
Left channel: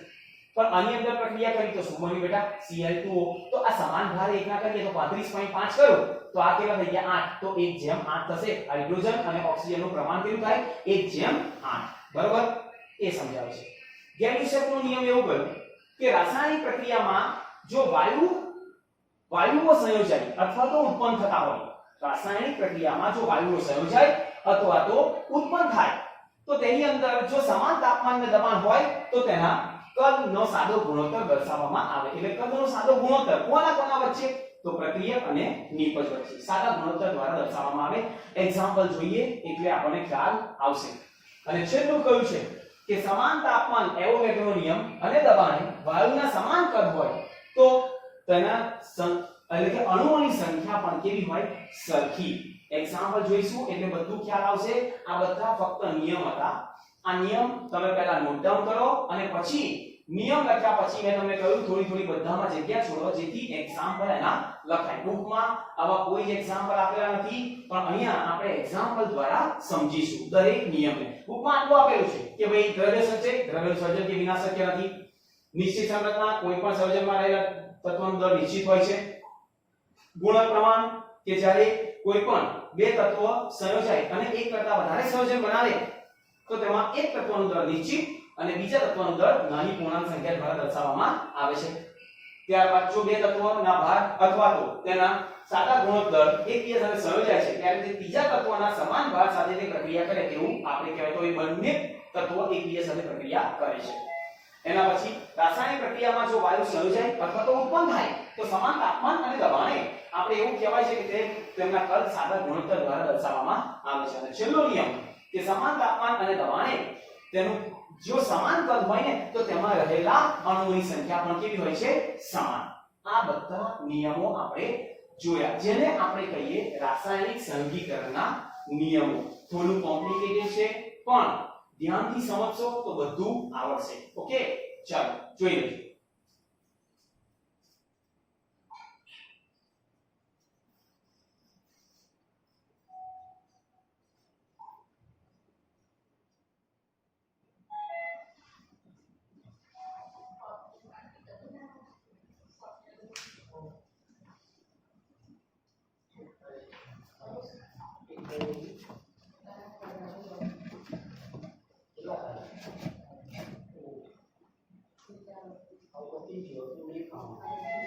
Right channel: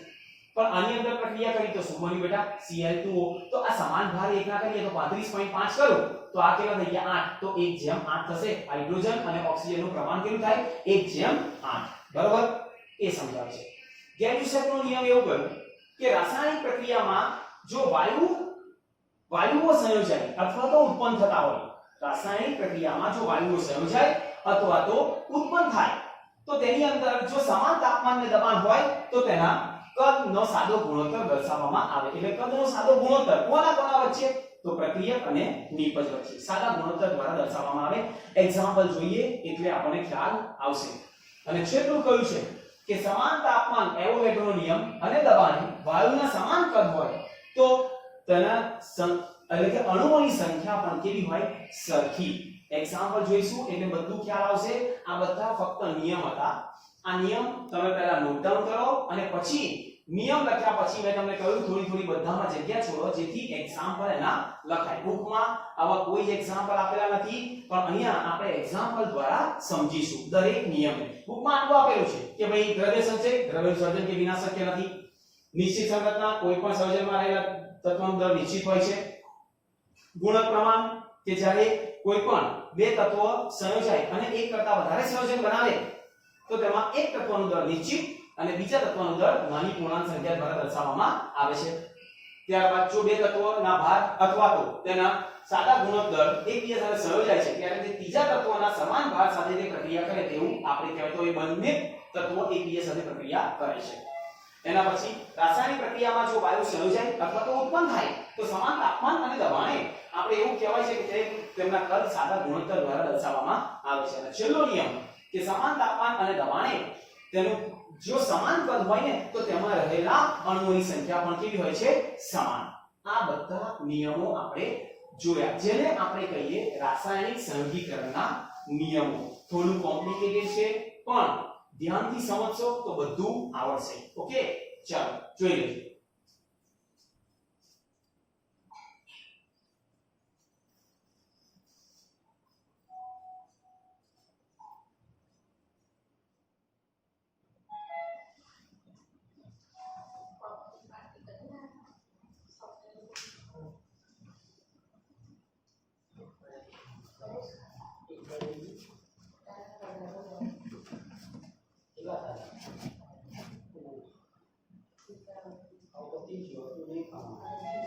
પણ આની અંદર પ્રક્રિયા કરી તો શું બન્યું બેટા? Cl2O. તો આ સમાન ભાર એકના કરીએ તો 35.5 કરું તો આ કેટલા થઈ ગયા? 8. તો 1:8 થશે. હાઇડ્રોજન અને ઓક્સિજનનું પ્રમાણ કેટલું થાય? 1:8. બરાબર? એ સમજાવે છે. ગેડ્યુસેફનો નિયમ એવું કહ્યું કે રાસાયણિક પ્રક્રિયામાં જો વાયુઓ સંયોજાય અથવા તો ઉત્પન્ન થતા હોય, રાસાયણિક પ્રક્રિયામાં જો વાયુઓ સંયોજાય અથવા તો ઉત્પન્ન થાય, તો તેની અંદર જો સમાન તાપમાન અને દબાણ હોય તો તેના કદનો સાદો ગુણોત્તર દર્શાવવામાં આવે. એટલે કદનો સાદો ગુણોત્તર કોના વચ્ચે? તો પ્રક્રિયક અને નિપજ વચ્ચે સાદા ગુણોત્તર દ્વારા દર્શાવવામાં આવે. એક્ઝામ્પલ જોઈએ એટલે આપણને ખ્યાલ આવશે. અને છેલ્લું કહ્યું છે કે સમાન તાપમાન એવોગેડ્રોનો નિયમ અને દબાણે વાયુના સમાન કદ હોય તો તેના એટલે કે અણુઓની સંખ્યા પણ કેવી હોય? સરખી. એક્ઝામ્પલ જોઈશું એટલે બધું ખ્યાલ આવશે. આ બધા ફક્ત નિયમ હતા. આ નિયમ તમે પહેલા નોટ ડાઉન કરો અને પછી નિયમ લખ્યા પછી મેં તમને કહ્યું થોડી બધામાં જગ્યા છોડો જેથી એક્ઝામ્પલ એના લખાય. બુકમાં આવા કોઈ જ એક્ઝામ્પલ આપેલા નથી, પણ અહીંયા આપણે એક્ઝામ્પલ દ્વારા સમજીશું દરેક નિયમને. બુકમાં આટલું આપેલું છે કે ભાઈ દ્રવ્ય સંચય, દ્રવ્ય સર્જન કે વિનાશ શક્ય નથી. નિશ્ચિત સંરચના, કોઈ પણ સંયોજનમાં રહેલા તત્વોનું દળ નિશ્ચિત હોય છે. ગુણક પ્રમાણ કે જ્યારે કોઈ પણ બે તત્વો સંયોજાય અને એક કરતા વધારે સંયોજન બનાવે તો તેમાં એક તત્વનું દળ નિશ્ચિત અને બીજા તત્વનો દળ નાની પૂર્ણાંક સંખ્યા દ્વારા દર્શાવવામાં આવે છે. ત્યારબાદ જો બે તત્વોના ભાર અથવા તો તેના સાદા ગુણોત્તર એકબીજા સાથે સંયોજાય છે ત્યારે તે ત્રીજા તત્વના સમાન ભાર સાથે તે પ્રક્રિયા કરે તેવું આપણે કહેવાય. તો એ બંને તત્વો એકબીજા સાથે પ્રક્રિયા કરે છે. એના પછી રાસાયણિક પ્રક્રિયામાં જો વાયુ સંયોજાય અથવા તો ઉત્પન્ન થાય તો સમાન તાપમાન અને દબાણે આપણે એવું કહેવાય છે કે તેમના કદ સાદા ગુણોત્તર દ્વારા દર્શાવવામાં આવે છે. અને છેલ્લો નિયમ કે સમાન તાપમાન અને દબાણે તેનું જો સમાન કદ હોય ને તો તેમાં રહેલા અણુઓની સંખ્યા પણ કેવી હોય છે? સમાન. આ બધા નિયમો આપણે જોયા જેને આપણે કહીએ રાસાયણિક સંયોગીકરણના નિયમો. થોડું કોમ્પ્લિકેટેડ છે પણ ધ્યાનથી સમજશો તો બધું આવડશે. ઓકે, ચાલો જોઈ લઈએ.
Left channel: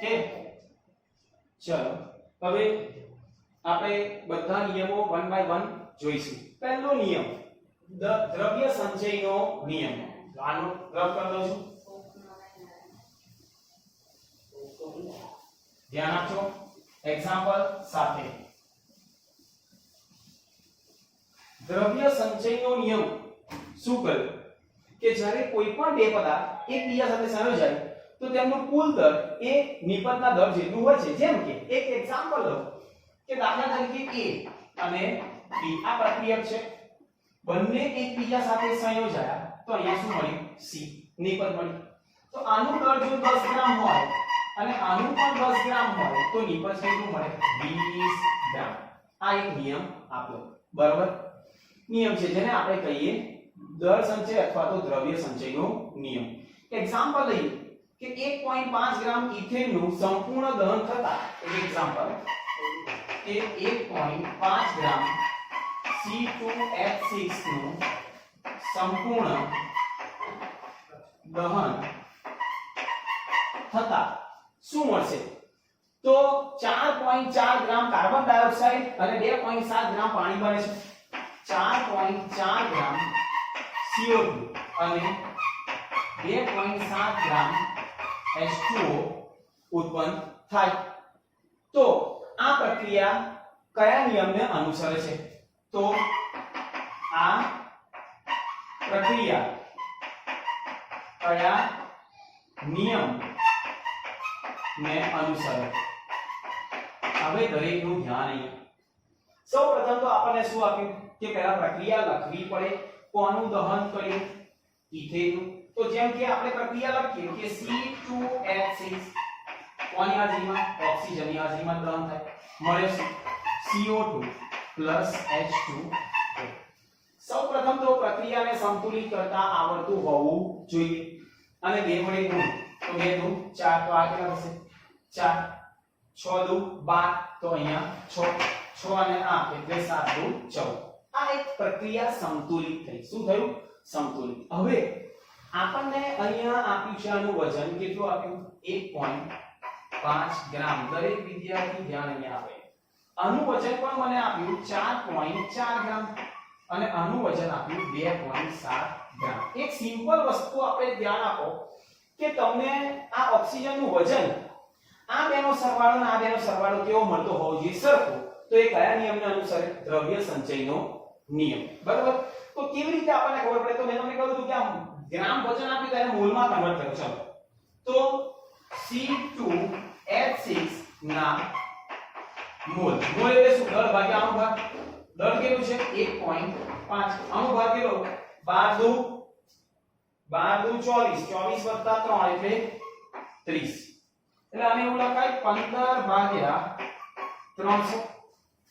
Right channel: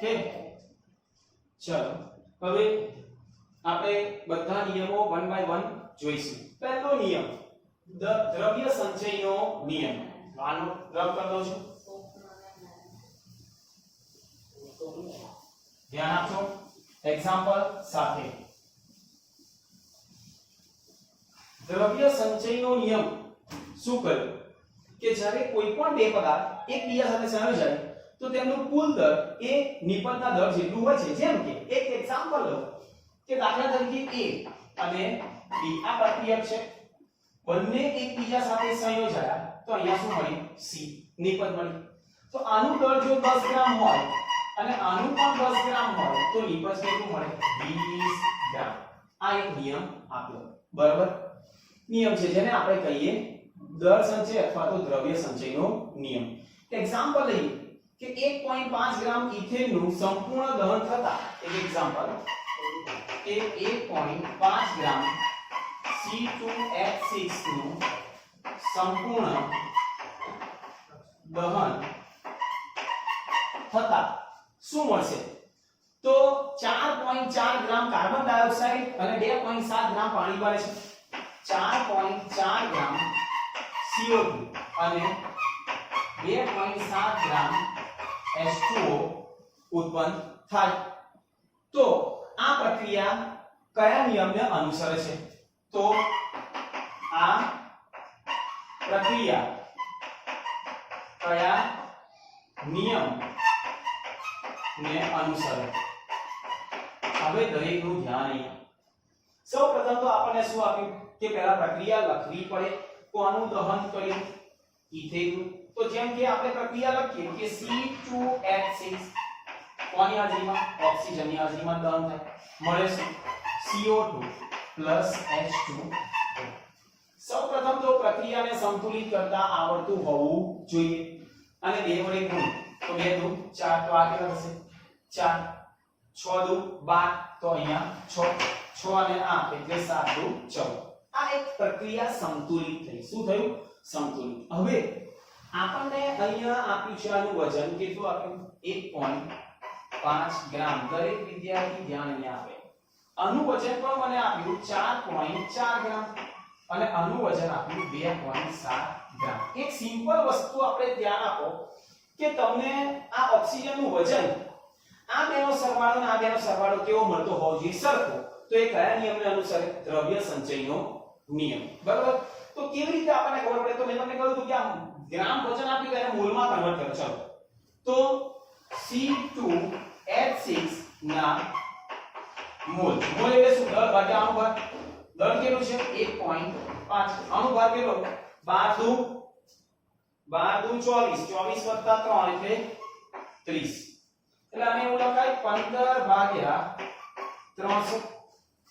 ઓકે, ચાલો હવે આપણે બધા નિયમો વન બાય વન જોઈશું. પહેલો નિયમ દ્રવ્ય સંચયનો નિયમ. આનો રબ કરી દઉં છું, ધ્યાન આપજો એક્ઝામ્પલ સાથે. દ્રવ્ય સંચયનો નિયમ શું કરે કે જ્યારે કોઈ પણ બે પદાર્થ એકબીજા સાથે સંયોજાય તો તેમનું કુલ દળ એ નિપજના દળ જેટલું હોય છે. જેમ કે એક એક્ઝામ્પલ લો કે દાખલા તરીકે A અને B આ પ્રક્રિયા છે. બંને એકબીજા સાથે સંયોજાયા તો અહીંયા શું મળ્યું? C નિપજ મળી. તો આનું દળ જો 10 ગ્રામ હોય અને આનું પણ 10 ગ્રામ હોય તો નિપજ કેટલું મળે? 20 ગ્રામ. આ એક નિયમ આપ્યો, બરાબર? નિયમ છે જેને આપણે કહીએ દળ સંચય અથવા તો દ્રવ્ય સંચયનો નિયમ. એક્ઝામ્પલ લઈએ કે 1.5 ગ્રામ ઇથેનનું સંપૂર્ણ દહન થતા એક એક્ઝામ્પલ કે 1.5 ગ્રામ C2H6 નું સંપૂર્ણ દહન થતા શું મળશે? તો 4.4 ગ્રામ કાર્બન ડાયોક્સાઇડ અને 2.7 ગ્રામ પાણી બને છે. 4.4 ગ્રામ CO2 અને 2.7 ગ્રામ H2O ઉત્પન્ન થાય. તો આ પ્રક્રિયા કયા નિયમને અનુસરે છે? તો આ પ્રક્રિયા કયા નિયમ ને અનુસરે? હવે દરેકનું ધ્યાન અહીંયા. સૌપ્રથમ તો આપણને શું આપ્યું કે પહેલા પ્રક્રિયા લખવી પડે. કોનું દહન કર્યું? ઇથેનનું. તો જેમ કે આપણે પ્રક્રિયા લખીએ કે C2H6 કોની હાજરીમાં? ઓક્સિજનની હાજરીમાં દહન થાય. મળે શું? CO2 H2O. સૌપ્રથમ તો પ્રક્રિયાને સંતુલિત કરતા આવડતું હોવું જોઈએ અને 2 વડે ગુણ તો 2 દુ 4 તો આ કેટલા થશે? 4 6 દુ 12 તો અહીંયા 6 6 અને 8 એટલે 7 દુ 14. આ એક પ્રક્રિયા સંતુલિત થઈ. શું થયું? સંતુલિત. હવે આપણને અહીંયા આપ્યું છે આનું વજન કેટલું આપ્યું? 1.5 ગ્રામ. દરેક વિદ્યાર્થી ધ્યાન અહીંયા આપે. આનું વજન પણ મને આપ્યું 4.4 ગ્રામ અને આનું વજન આપ્યું 2.7 ગ્રામ. એક સિમ્પલ વસ્તુ આપણે ધ્યાન આપો કે તમને આ ઓક્સિજનનું વજન આ બેનો સરવાળો અને આ બેનો સરવાળો કેવો મળતો હોવો જોઈએ? સરખો. તો એ કયા નિયમને અનુસરે? દ્રવ્ય સંચયનો નિયમ. બરાબર? તો કેવી રીતે આપણને ખબર પડે? તો મેં તમને કહ્યું હતું કે આ ગ્રામ વજન આપ્યું તેને મોલમાં કન્વર્ટ કરો. ચલો તો C2H6 ના મોલ. મોલ એટલે શું? દળ ભાગ્યા આનું ભાર. દળ કેવું છે? 1.5. આનું ભાર કેટલો? 12 દુ 24 24 + 3 એટલે 30. એટલે આને એવું લખાય 15 ભાગ્યા 300.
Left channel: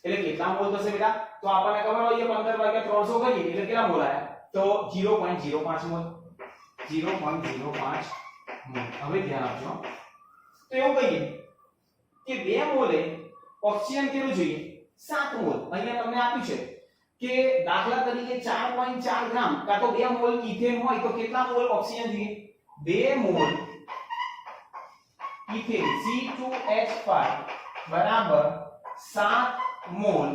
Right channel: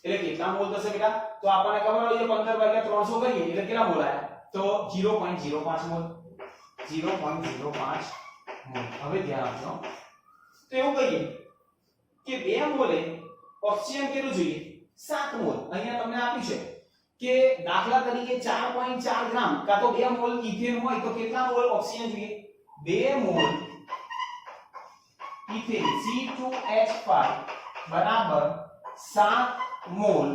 એટલે કેટલા મોલ થશે બેટા? તો આપણને ખબર હોય કે 15 ભાગ્યા 300 કરીએ એટલે કેટલા મોલ આયા? તો 0.05 મોલ. 0.05 મોલ. હવે ધ્યાન આપજો. તો એવું કહીએ કે 2 મોલે ઓક્સિજન કેટલું જોઈએ? 7 મોલ. અહીંયા તમને આપ્યું છે કે દાખલા તરીકે 4.4 ગ્રામ કા તો 2 મોલ ઇથેન હોય તો કેટલા મોલ ઓક્સિજન જોઈએ 2 મોલ ઇથેન C2H5 બરાબર 7 મોલ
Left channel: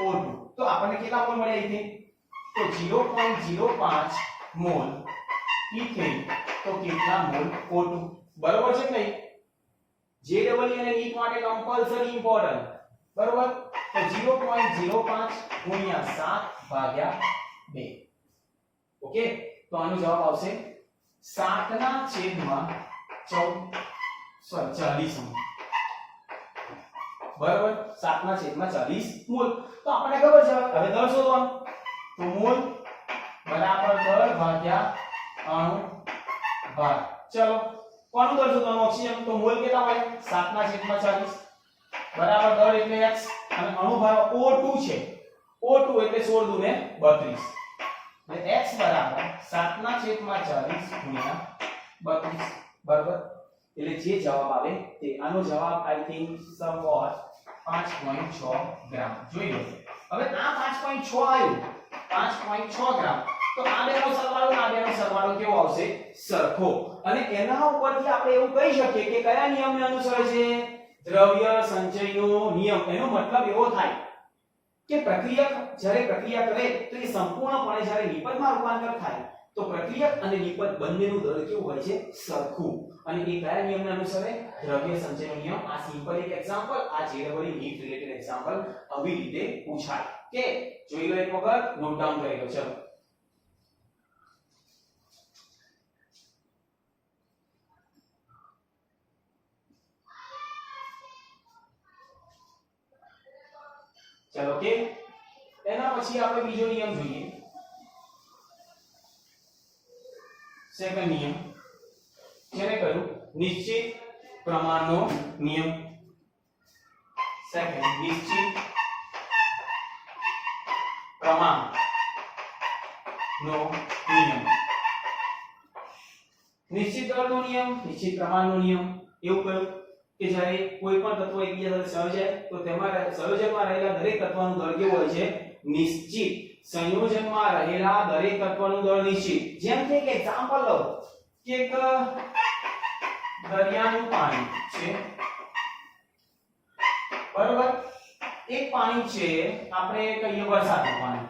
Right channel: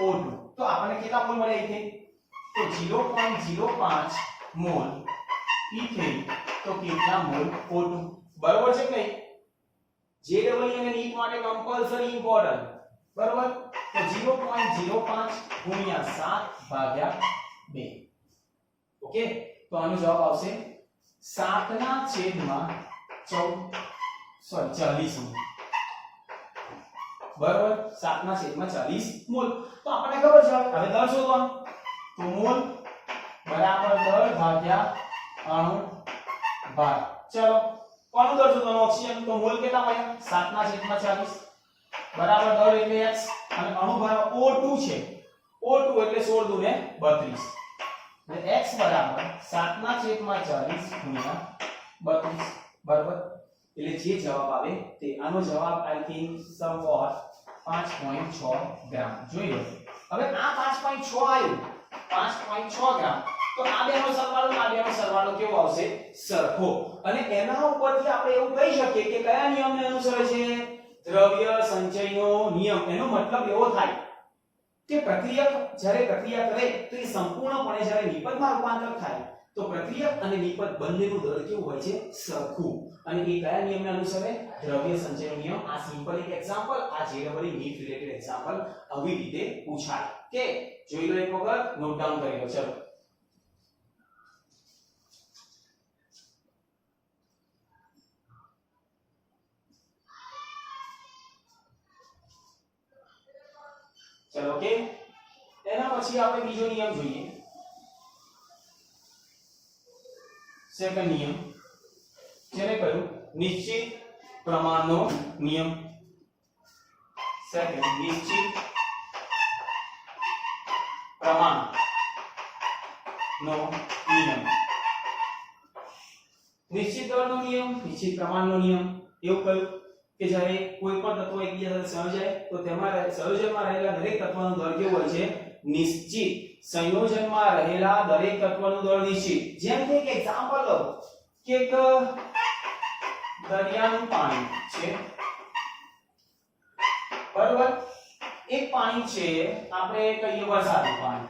O2 તો આપણને કેટલા મોલ મળ્યા ઇથેન તો 0.05 મોલ ઇથેન તો કેટલા મોલ O2 બરાબર છે કે JEE અને નીટ માટે કમ્પલસરી ઇમ્પોર્ટન્ટ બરાબર તો 0.05 ગુણ્યા 7 ભાગ્યા 2 ઓકે તો આનો જવાબ આવશે 7 ના છેદમાં 40 બરાબર 7 ના છેદમાં 40 મોલ તો આપણને ખબર છે હવે દર શોધવાનું તો મોલ બરાબર દર ભાગ્યા અણુ ભાર ચલો કોનું દર શોધવાનું ઓક્સિજન તો મોલ કેટલા મળ્યા 7 ના છેદમાં 40 બરાબર દર એટલે x અને અણુ ભાર O2 છે O2 એટલે 16 દુને 32 એટલે x બરાબર 7 ના છેદમાં 40 ગુણ્યા 32 બરાબર એટલે જે જવાબ આવે તે આનો જવાબ આઈ થિંક સમવોટ 5.6 ગ્રામ જોઈ લો હવે આ 5.6 આવ્યું 5.6 ગ્રામ તો આ બેનો સરવાળો આ બેનો સરવાળો કેવો આવશે સરખો અને એના ઉપરથી આપણે એવું કહી શકીએ કે કયા નિયમને અનુસરે છે દ્રવ્ય સંચયનો નિયમ એનો મતલબ એવો થાય કે પ્રક્રિયક જ્યારે પ્રક્રિયા કરે તો એ સંપૂર્ણપણે જ્યારે નિપજમાં રૂપાંતર થાય તો પ્રક્રિયક અને નિપજ બંનેનું દર કેવું હોય છે સરખું અને એ કયા નિયમને અનુસરે દ્રવ્ય સંચયનો નિયમ આ સિમ્પલ એક એક્ઝામ્પલ આ JEE નીટ રિલેટેડ એક્ઝામ્પલ આવી રીતે પૂછાય કે જોઈ લો એક વખત નોટ ડાઉન કરી લો ચલો ચલો કે એના પછી આપણે બીજો નિયમ જોઈએ સેકન્ડ નિયમ જેને કહ્યું નિશ્ચિત પ્રમાણનો નિયમ સેકન્ડ નિશ્ચિત પ્રમાણનો નિયમ નિશ્ચિત દળનો નિયમ નિશ્ચિત પ્રમાણનો નિયમ એવું કહ્યું કે જ્યારે કોઈ પણ તત્વો એકબીજા સાથે સંયોજાય તો તેમાં સંયોજનમાં રહેલા દરેક તત્વનું દળ કેવું હોય છે નિશ્ચિત સંયોજનમાં રહેલા દરેક તત્વનું દળ નિશ્ચિત જેમ કે એક એક્ઝામ્પલ લો કે એક દરિયાનું પાણી છે બરાબર એક પાણી છે આપણે કહીએ વરસાદનું પાણી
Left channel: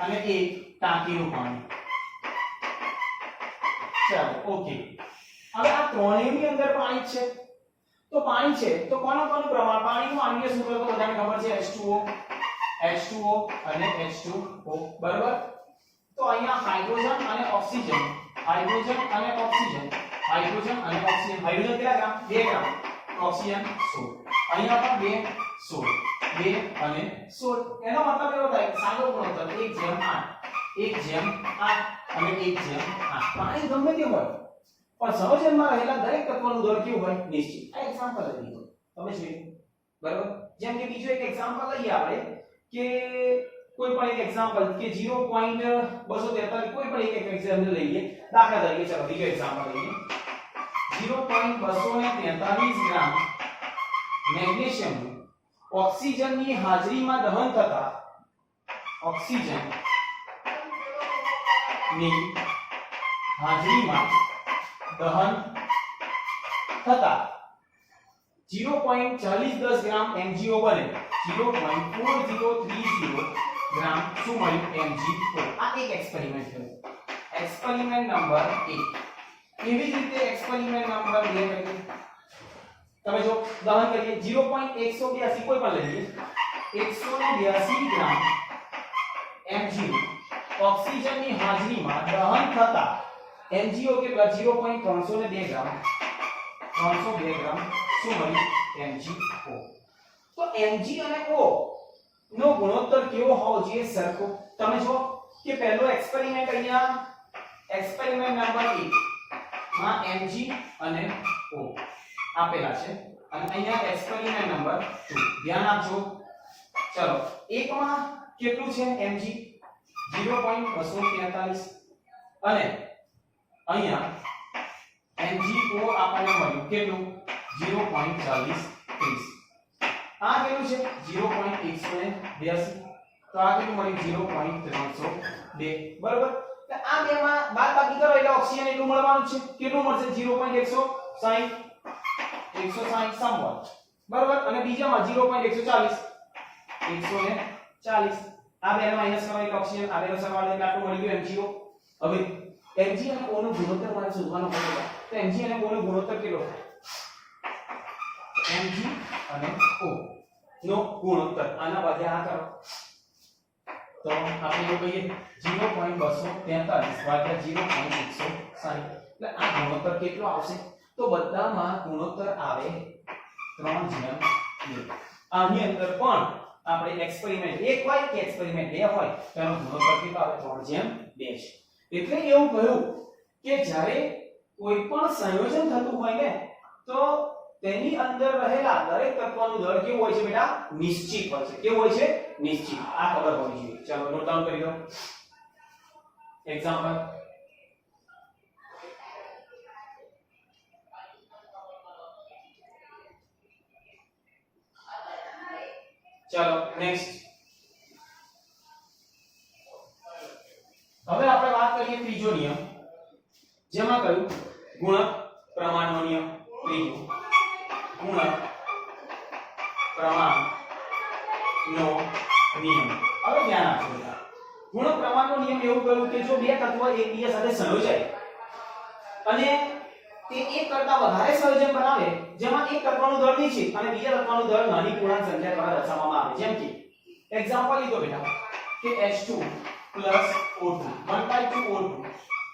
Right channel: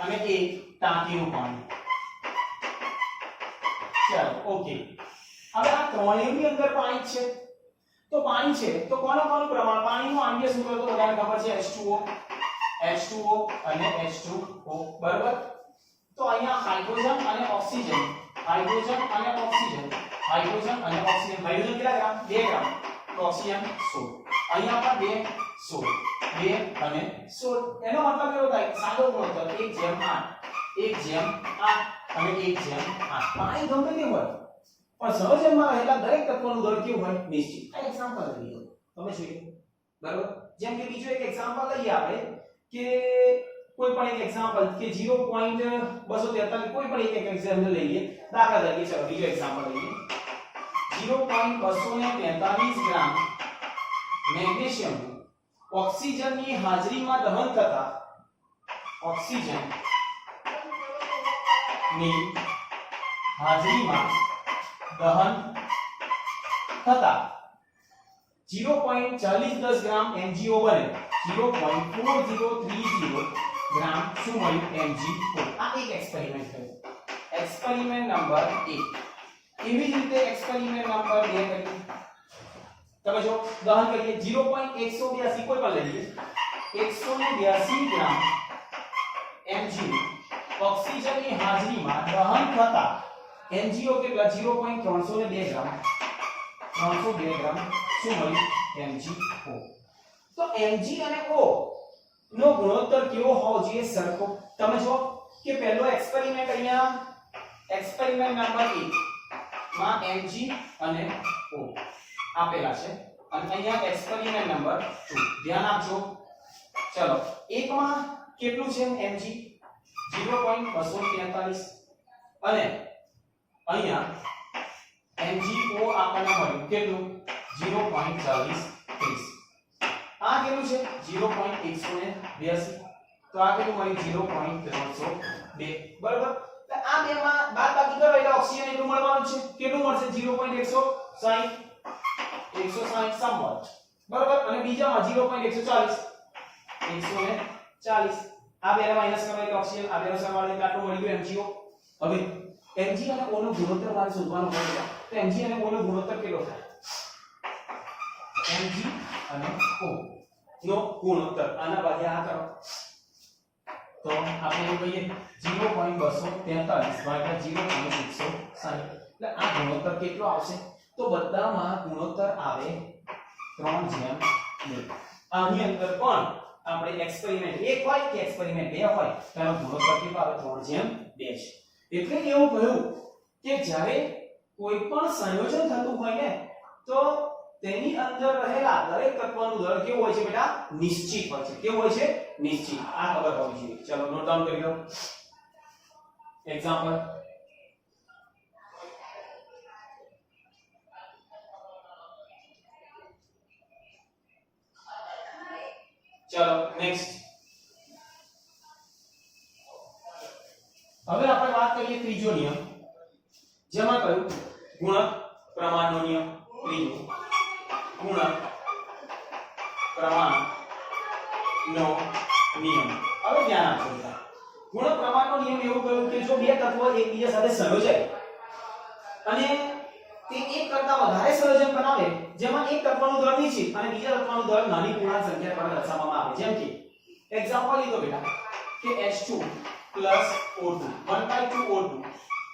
અને એક ટાંકીનું પાણી ચાલો ઓકે હવે આ ત્રણેયની અંદર પાણી છે તો પાણી છે તો કોનું પ્રમાણ પાણીનું આણ્વીય સૂત્ર તો બધાને ખબર છે H2O અને H2O બરાબર તો અહીંયા હાઇડ્રોજન અને ઓક્સિજન હાઇડ્રોજન અને ઓક્સિજન હાઇડ્રોજન અને ઓક્સિજન હાઇડ્રોજન કેટલા ગ્રામ 2 ગ્રામ તો ઓક્સિજન 16 અહીંયા પણ 2 અને 16 એનો મતલબ એવો થાય સાદો ગુણોત્તર 1:8 1:8 અને 1:8 પાણી ગમે તે હોય પણ સંયોજનમાં રહેલા દરેક તત્વનું દળ કેવું હોય નિશ્ચિત આ એક્ઝામ્પલ લીધો તમે જોઈએ બરાબર જેમ કે બીજો એક એક્ઝામ્પલ લઈએ આપણે કે કોઈ પણ એક એક્ઝામ્પલ કે 0.243 કોઈ પણ એક એક્ઝામ્પલ લઈએ દાખલા તરીકે ચલો બીજો એક્ઝામ્પલ લઈએ 0.243 ગ્રામ મેગ્નેશિયમ ઓક્સિજનની હાજરીમાં દહન થતા ઓક્સિજનની હાજરીમાં દહન થતા 0.4010 ગ્રામ MgO બને 0.4030 ગ્રામ શું મળ્યું MgO આ એક એક્સપેરિમેન્ટ થયો એક્સપેરિમેન્ટ નંબર 1 એવી જ રીતે એક્સપેરિમેન્ટ નંબર 2 કરીએ તમે જો દહન કરીએ 0.182 કોઈ પણ લઈએ 182 ગ્રામ MgO ઓક્સિજનની હાજરીમાં દહન થતા MgO કેટલા 0.302 ગ્રામ 302 ગ્રામ શું મળ્યું MgO તો Mg અને O નો ગુણોત્તર કેવો હોવો જોઈએ સરખો તમે જો કે પહેલો એક્સપેરિમેન્ટ અહીંયા એક્સપેરિમેન્ટ નંબર 1 માં Mg અને O આપેલા છે અને અહીંયા એક્સપેરિમેન્ટ નંબર 2 ધ્યાન આપજો ચલો એકમાં કેટલું છે Mg 0.243 અને અહીંયા MgO આપણને મળ્યું કેટલું 0.4030 આ કેટલું છે 0.182 તો આ કેટલું મળ્યું 0.302 બરાબર તો આ બે માં બાદબાકી કરો એટલે ઓક્સિજન એટલું મળવાનું છે કેટલું મળશે 0.160 160 સમવોટ બરાબર અને બીજામાં 0.140 140 આ બેને માઈનસ કરો એટલે ઓક્સિજન આ બેનો સરવાળો એટલે આટલું મળી ગયું MgO હવે Mg અને O નો ગુણોત્તર મારે શોધવાનો હોય તો Mg અને O નો ગુણોત્તર કેટલો થાય Mg અને O નો ગુણોત્તર આના ભાગ્યા આ કરો તો આપણે એવું કહીએ 0.243 ભાગ્યા 0.160 એટલે આ ગુણોત્તર કેટલો આવશે તો બધામાં ગુણોત્તર આવે 3:2 આની અંદર પણ આપણે એક્સપેરિમેન્ટ એક હોય કે એક્સપેરિમેન્ટ બે હોય તો એનો ગુણોત્તર કેટલો આવે 3:2 છે એટલે એવું કહ્યું કે જ્યારે કોઈ પણ સંયોજન થતું હોય ને તો તેની અંદર રહેલા દરેક તત્વનું દળ કેવું હોય છે બેટા નિશ્ચિત હોય છે કેવું હોય છે નિશ્ચિત આ ખબર હોવી જોઈએ ચલો નોટ ડાઉન કરી લો એક્ઝામ્પલ ચલો નેક્સ્ટ હવે આપણે વાત કરીએ ત્રીજો નિયમ જેમાં કહ્યું ગુણક પ્રમાણનો નિયમ ત્રીજો ગુણક પ્રમાણનો નિયમ હવે ધ્યાન આપજો ગુણક પ્રમાણનો નિયમ એવું કહ્યું કે જો બે તત્વો એકબીજા સાથે સંયોજાય અને તે એક કરતા વધારે સંયોજન બનાવે જેમાં એક તત્વનું દળ નિશ્ચિત અને બીજા તત્વનું દળ નાની પૂર્ણાંક સંખ્યા દ્વારા દર્શાવવામાં આવે જેમ કે એક્ઝામ્પલ લીધો બેટા કે H2 plus O2 1/2 O2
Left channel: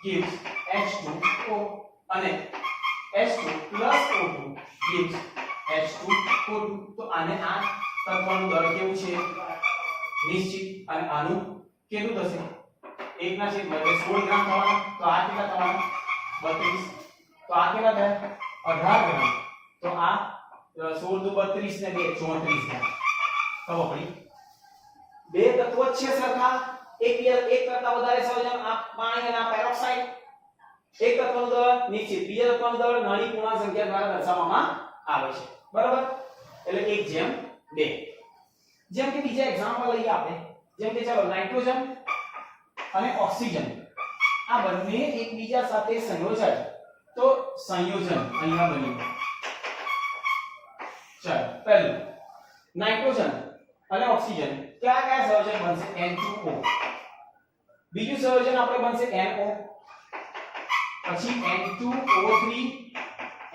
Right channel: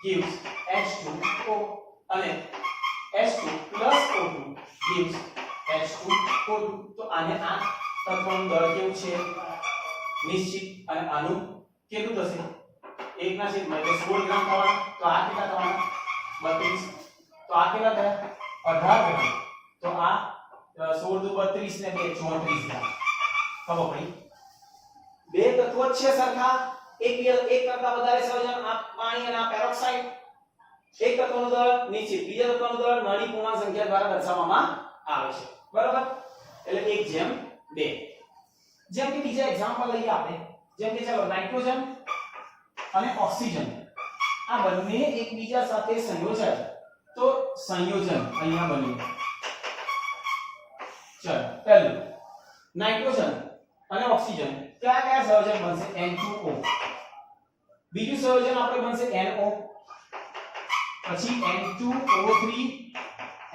gives H2O અને H2 plus O2 gives H2O2 તો આને આ તત્વનું દળ કેવું છે નિશ્ચિત અને આનું કેટલું થશે 1/16 એટલે 16 ગ્રામ થવાનું તો આ કેટલા થવાના 32 તો આ કેટલા થયા 18 ગ્રામ તો આ 16 દુ 32 ને 2 34 ગ્રામ ખબર પડી બે તત્વો છે સરખા એક કરતા વધારે સંયોજન આ પાણી અને આ પેરોક્સાઇડ એક તત્વનું દળ નિશ્ચિત બીજા તત્વનું દળ નાની પૂર્ણાંક સંખ્યા દ્વારા દર્શાવવામાં આવે છે બરાબર એટલે 1:2 જેમ કે બીજા એક્ઝામ્પલ લઈએ આપણે જેમ કે ચાલો નાઇટ્રોજન અને ઓક્સિજન આ બંને એકબીજા સાથે સંયોજાય તો સંયોજન અહીંયા બન્યું ચાલો પહેલું નાઇટ્રોજન અને ઓક્સિજન કયા કયા સંયોજન બનશે N2O બીજું સંયોજન આપણે બનશે NO પછી N2O3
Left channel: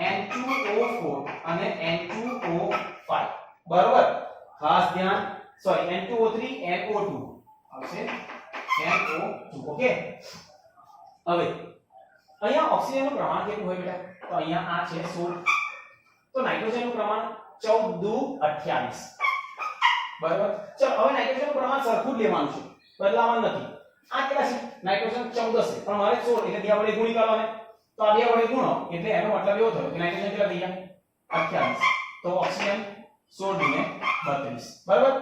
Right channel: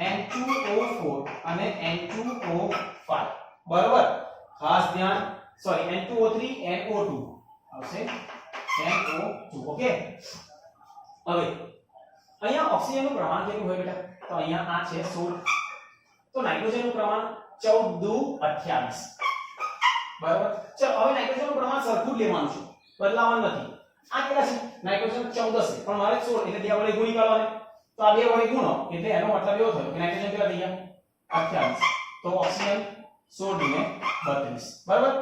N2O4 અને N2O5 બરાબર ખાસ ધ્યાન સોરી N2O3 NO2 આવશે NO2 ઓકે હવે અહીંયા ઓક્સિજનનું પ્રમાણ કેટલું હોય બેટા તો અહીંયા આ છે 16 તો નાઇટ્રોજનનું પ્રમાણ 14 દુ 28 બરાબર ચાલો હવે નાઇટ્રોજનનું પ્રમાણ સરખું જ લેવાનું છે બદલાવાનું નથી આ કેટલા છે નાઇટ્રોજન 14 છે પણ મારે 16 એટલે બે વડે ગુણી કરવાને તો આ બે વડે ગુણો એટલે એનો મતલબ એવો થયો કે નાઇટ્રોજન કેટલા થઈ ગયા 28 તો ઓક્સિજન 16 ને 32 બરાબર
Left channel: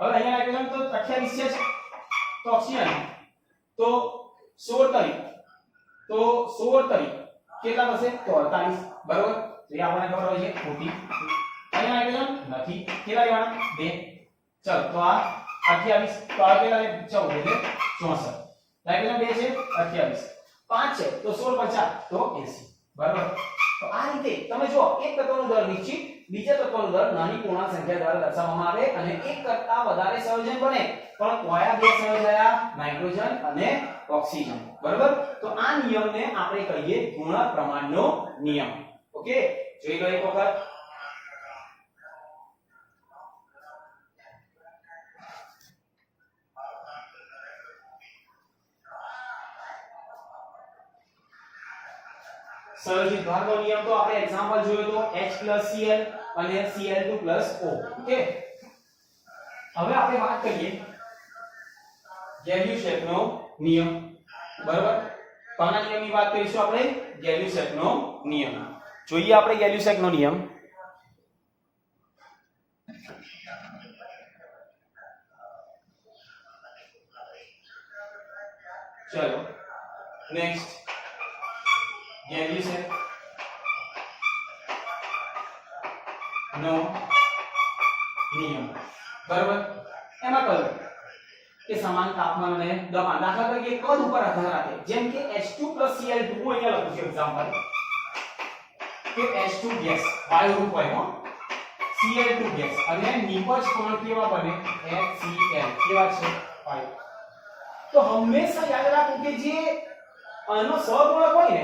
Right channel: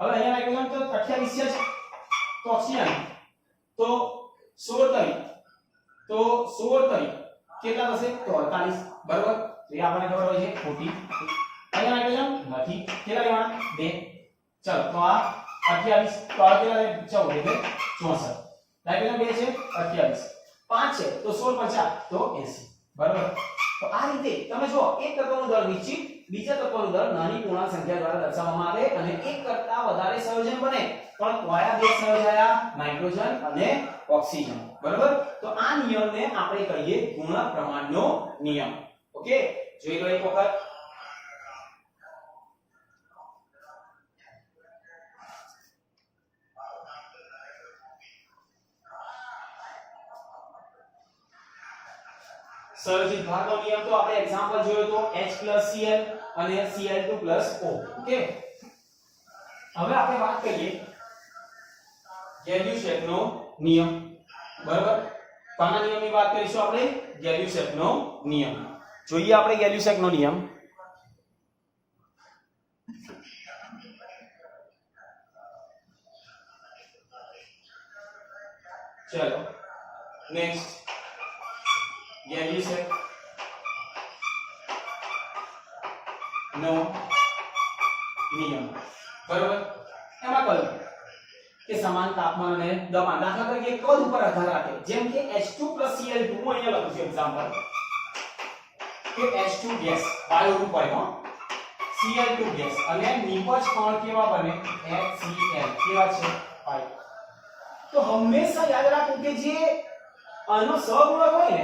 હવે અહીંયા નાઇટ્રોજન તો 28 છે તો ઓક્સિજન તો 16 તરી તો 16 તરી કેટલા થશે તો 48 બરાબર તો એ આપણને ખબર હોય છે ખોટી અહીંયા નાઇટ્રોજન નથી કેટલા લેવાના 2 ચાલો તો આ 28 તો આ કેટલા 14 એટલે 64 નાઇટ્રોજન 2 છે 28 5 છે તો 16 50 તો 80 બરાબર તો આ રીતે તમે જો એક તત્વનું દળ નિશ્ચિત બીજા તત્વનું દળ નાની પૂર્ણાંક સંખ્યા દ્વારા દર્શાવવામાં આવે અને એક કરતા વધારે સંયોજન બને પણ કયા બે સંયોજાયા નાઇટ્રોજન અને ઓક્સિજન બરાબર તો આ નિયમને આપણે કહીએ ગુણક પ્રમાણનો નિયમ ઓકે જોઈ લો એક વખત સંયોજિત ભાગનો નિયમ તો આપણે એક્ઝામ્પલ જોયો તો H+Cl અને Cl2+O ઓકે હવે આપણે વાત કરીએ ગેલ્યુસેકનો નિયમ બરાબર કોના નિયમની વાત કરીશું આપણે ગેલ્યુસેકનો નિયમ જોઈએ આપણે ગેલ્યુસેકનો નિયમ ચલો નેક્સ્ટ ગેલ્યુસેક નો નિયમ બરાબર એમાં કહ્યું કે સમાન તાપમાન અને દબાણ દાખલા તરીકે કદ ઉપર આધાર રાખે જેમ કે H2 Cl2 હું અહીંયા લખું છું એક્ઝામ્પલ કે H2 ગેસ વાયુ રૂપ હોય હો Cl2 ગેસ અને નિપજ કોણ કેવા બને HCl કેવા છે વાયુ તો હંમેશા યાદ રાખો કે જે આનો સહગુણક હોય ને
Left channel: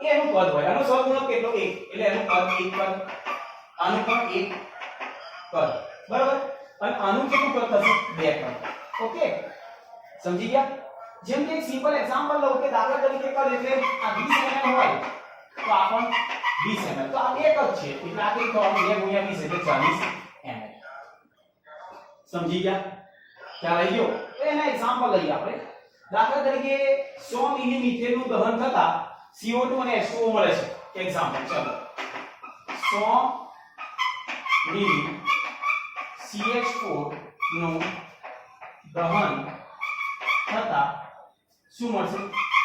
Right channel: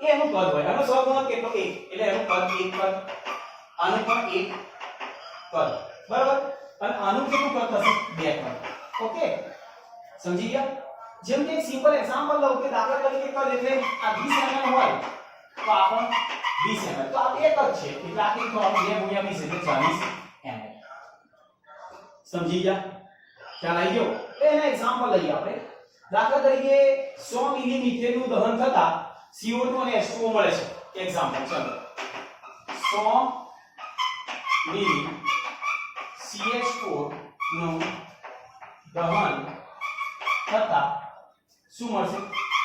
એ એનું કદ હોય આનો સહગુણક કેટલો 1 એટલે એનું કદ 1 કદ આનું પણ 1 કદ બરાબર અને આનું કેટલું કદ થશે 2 કદ ઓકે સમજી ગયા જેમ કે એક સિમ્પલ એક્ઝામ્પલ લઉં કે દાખલા તરીકે કદ એટલે આ 20 ml હોય તો આ પણ 20 ml તો આ 1 કદ છે એટલે આ કેટલું થવાનું 2 * 20 એટલે 40 ml સમજી ગયા ખ્યાલ આવી ગયો એના એક્ઝામ્પલ લઈએ આપણે દાખલા તરીકે 100 મિલી મિથેનનું દહન થતા CO2 અને H2O મળે છે એક્ઝામ્પલ ચાલો 100 મિલી CH4 નું દહન થતા શું મળશે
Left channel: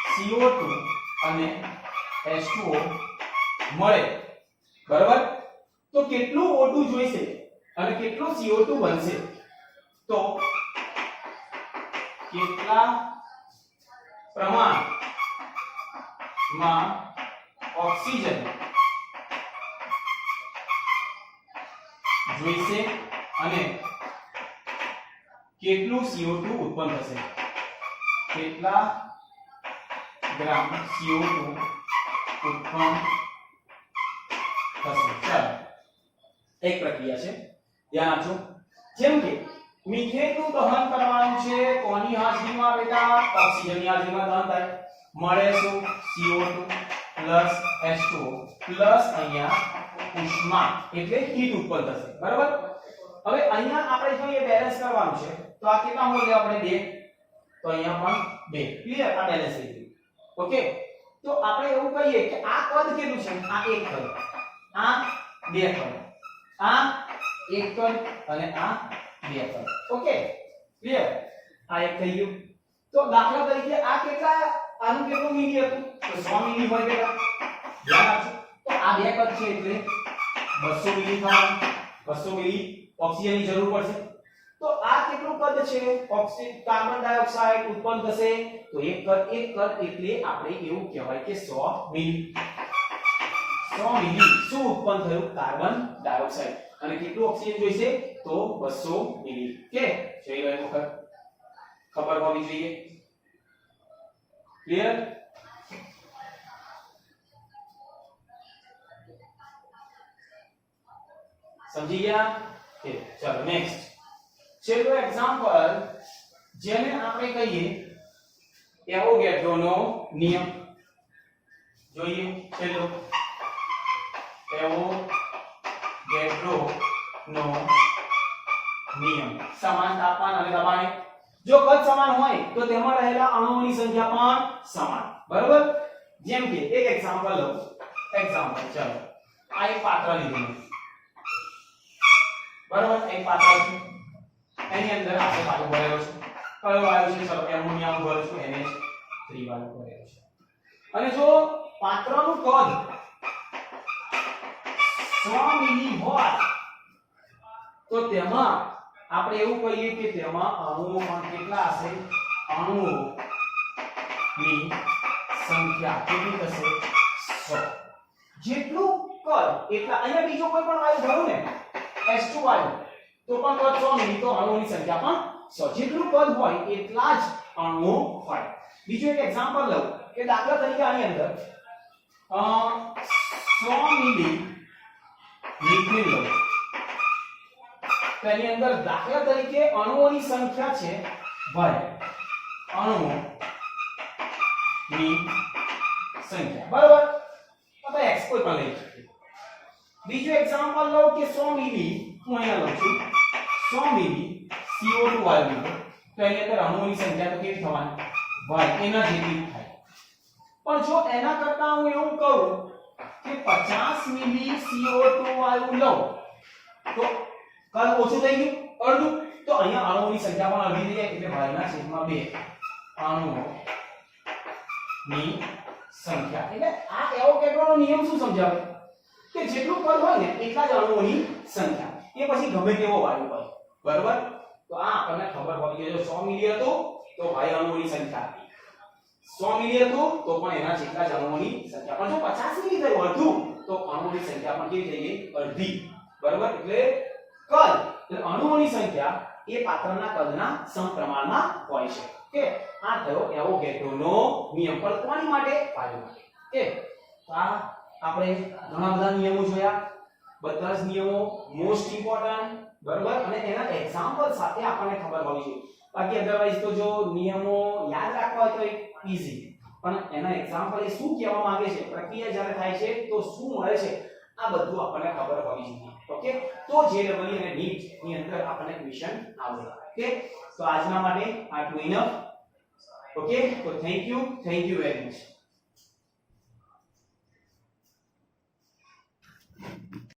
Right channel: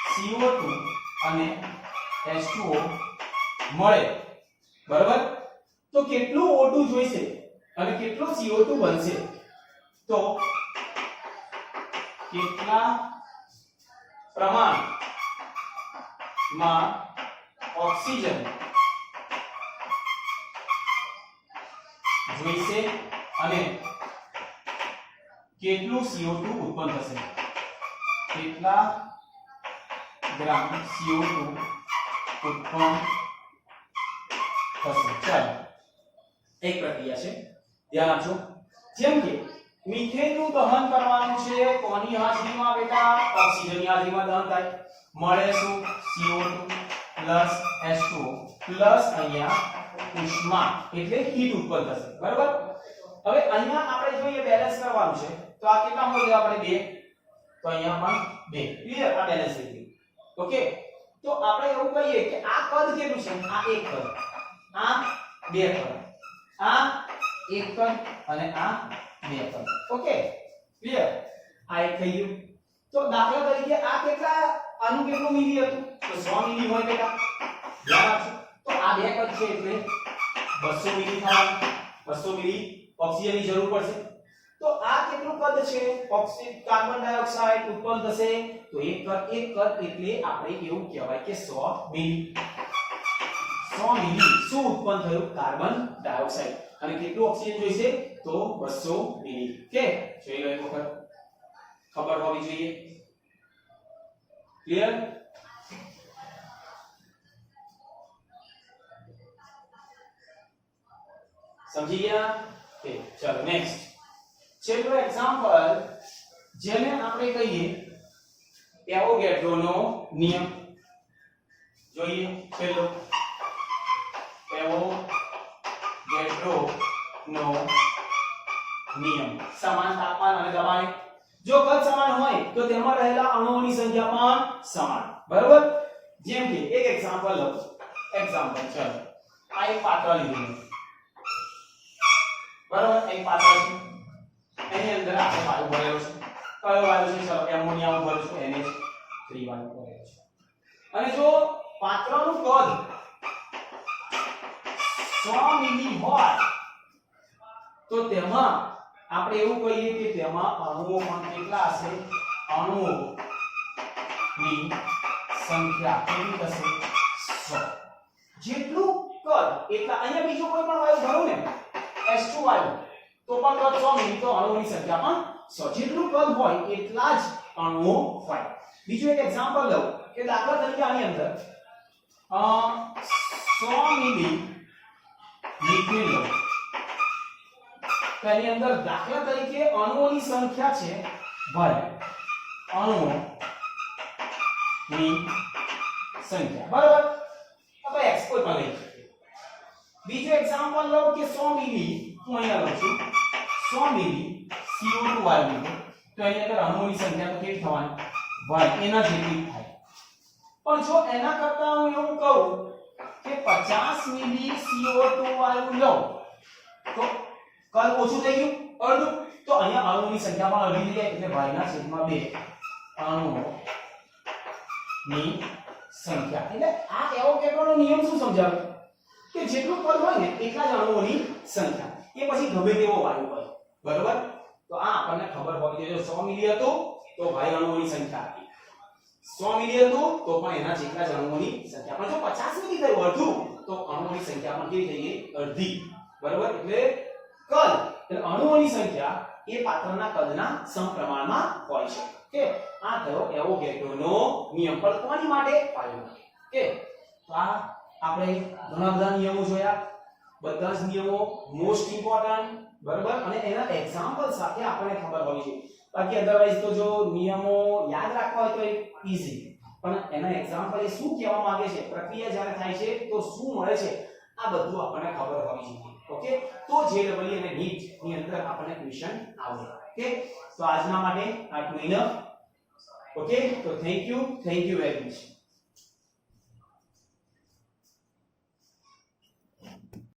CO2 અને H2O મળે બરાબર તો કેટલું O2 જોઈશે અને કેટલું CO2 બનશે તો કેટલા પ્રમાણમાં ઓક્સિજન જોઈશે અને કેટલું CO2 ઉત્પન્ન થશે કેટલા ગ્રામ CO2 ઉત્પન્ન થશે ચાલો એક પ્રક્રિયા છે ધ્યાન આપજો જેમ કે મિથેનનું દહન કરવાનું છે કોની હાજરીમાં બેટા ઓક્સિજનની હાજરીમાં દહન થાય મળે શું CO2 H2O અહીંયા ઉષ્મા એટલે હીટ ઉત્પન્ન થશે બરાબર હવે અહીંયા આપણે જોઈએ બેલેન્સ કરવાનું છે તો આ કેટલા મોલ લેવા આપણે 2 તો અહીંયા પણ 2 ક્લિયર આ બેલેન્સ થઈ ગયું ઓકે તો આપણે એવું કહીએ કે આ કદ કેટલું છે આ 1 કદ આ 2 કદ આ 1 કદ અને આ 2 કદ ઓકે ક્લિયર આ એક થઈ ગયું તો દાખલા તરીકે આ કેટલા આનું કેટલું મિલી હતું તો 100 મિલી હોય બેટા ધ્યાન આપજો તો આ 2 કદ છે એટલે 200 મિલી થવાનું 200 મિલી ઓક્સિજનની જરૂર પડશે તો આ કેટલું કદ છે ઓક્સિજન કાર્બન ડાયોક્સાઇડ ઉત્પન્ન થશે તો એક કદ એટલે આપણે એવું કહેવાય કે 100 મિલી શું ઉત્પન્ન થયું કાર્બન ડાયોક્સાઇડ અને કેટલું ઓક્સિજન જોઈશે તો 200 મિલી કે જોઈ લો એક વખત ખબર હોવી જોઈએ ક્લિયર સમજી ગયા કે ચલો નેક્સ્ટ છેલ્લો એક્ઝામ્પલ જેને આપણે કહીએ એવોગેડ્રોનો નિયમ જોઈએ છેલ્લો એવોગેડ્રોનો નિયમ સમાન તાપમાન અને દબાણે જો કદ સમાન હોય તો તેમાં રહેલા અણુઓની સંખ્યા પણ સમાન બરાબર જેમ કે એક એક્ઝામ્પલ લો એક્ઝામ્પલ ચલો આ એક પાત્ર લીધું બરાબર એક પાત્ર છે એની અંદર આપણે વાયુ ભરેલો છે કયો વાયુ છે ચલો એમોનિયા ભરેલો છે NH3 વાયુ ભરેલો છે અને જો પાત્રનું કદ 100 મિલી હોય તો તેમાં આપણે એવું કહીએ કે તેમાં અણુઓ પણ કેટલા હશે અણુઓની સંખ્યા કેટલી થશે 100 જેટલું કદ એટલા અહીંયા બીજો કોઈ પણ વાયુ ભરું ને H2 વાયુ તો પણ કદ 100 મિલી તો અણુઓની સંખ્યા પણ 100 જેટલું કદ હોય એટલા જ અણુઓ હોય બીજું એક એક્ઝામ્પલ લઉં કે દાખલા તરીકે આની અંદર 100 મિલી લિક્વિડ લો તેની અંદર દાખલા તરીકે અણુઓની સંખ્યા છે ભાઈ અણુઓની સંખ્યા બરાબર આપણે x કોઈ પણ લઈ શકીએ બીજું એક્ઝામ્પલ લો કે 100 મિલી હું અહીંયા લઉં છું 100 મિલી CO2 વાયુ લીધો તો એની અંદર અણુઓની સંખ્યા તો કેટલી થવાની ભાઈ એના જેટલી થાય પણ જો એના કરતા હું એવું કહું કે 50 મિલી CO2 વાયુ લઉં તો કદ ઓછું થઈ ગયું અડધું તો અહીંયા અણુઓની સંખ્યા પણ અડધી થઈ જાય એટલે y ના છેદમાં 2 અણુઓની સંખ્યા એટલે આ એવોગેડ્રોનો નિયમ શું સમજાવે કે જેટલું કદ હોય ને એટલા જ અણુઓની સંખ્યા એ પછી ગમે તેવો વાયુ હોય બરોબર તો આ આપણને ખબર હોવી જોઈએ જો 100 મિલી હતું તો ભાઈ અણુઓની સંખ્યા હતી 100 મિલી હતું તો પણ એના જેટલા જ અણુઓની સંખ્યા પણ જો 50 મિલી થયું અડધું તો અણુઓની સંખ્યા પણ કેવી થઈ ગઈ અડધી બરોબર એટલે કદ એટલે અણુઓની સંખ્યા એ પાત્રના કદના સમપ્રમાણમાં હોય છે કે આ થયો એવોગેડ્રોનો નિયમ પણ કોની માટે વાયુ માટે કે તો આ આપણે ઘણા બધા નિયમો જોયા બધા જ નિયમો મોસ્ટ ઇમ્પોર્ટન્ટ બરોબર અને એના એક્ઝામ્પલ સાથે આપણને ખબર હોવી જોઈએ બાકી અધરવાઇઝ તો જો નિયમો યાદ રાખવા હોય તો ઈઝી પણ એના એક્ઝામ્પલ એ શું કહેવા માંગે છે પ્રક્રિયા જ્યારે થાય છે તો શું મળે છે આ બધું આપણને ખબર હોવી જોઈએ ઓકે તો જેડબલઈ અને નીટ ની અંદર આપણને ક્વેશ્ચન આવશે ઓકે તો આજના માટે આટલું ઇનફ ઓકે તો થેન્ક યુ વેરી મચ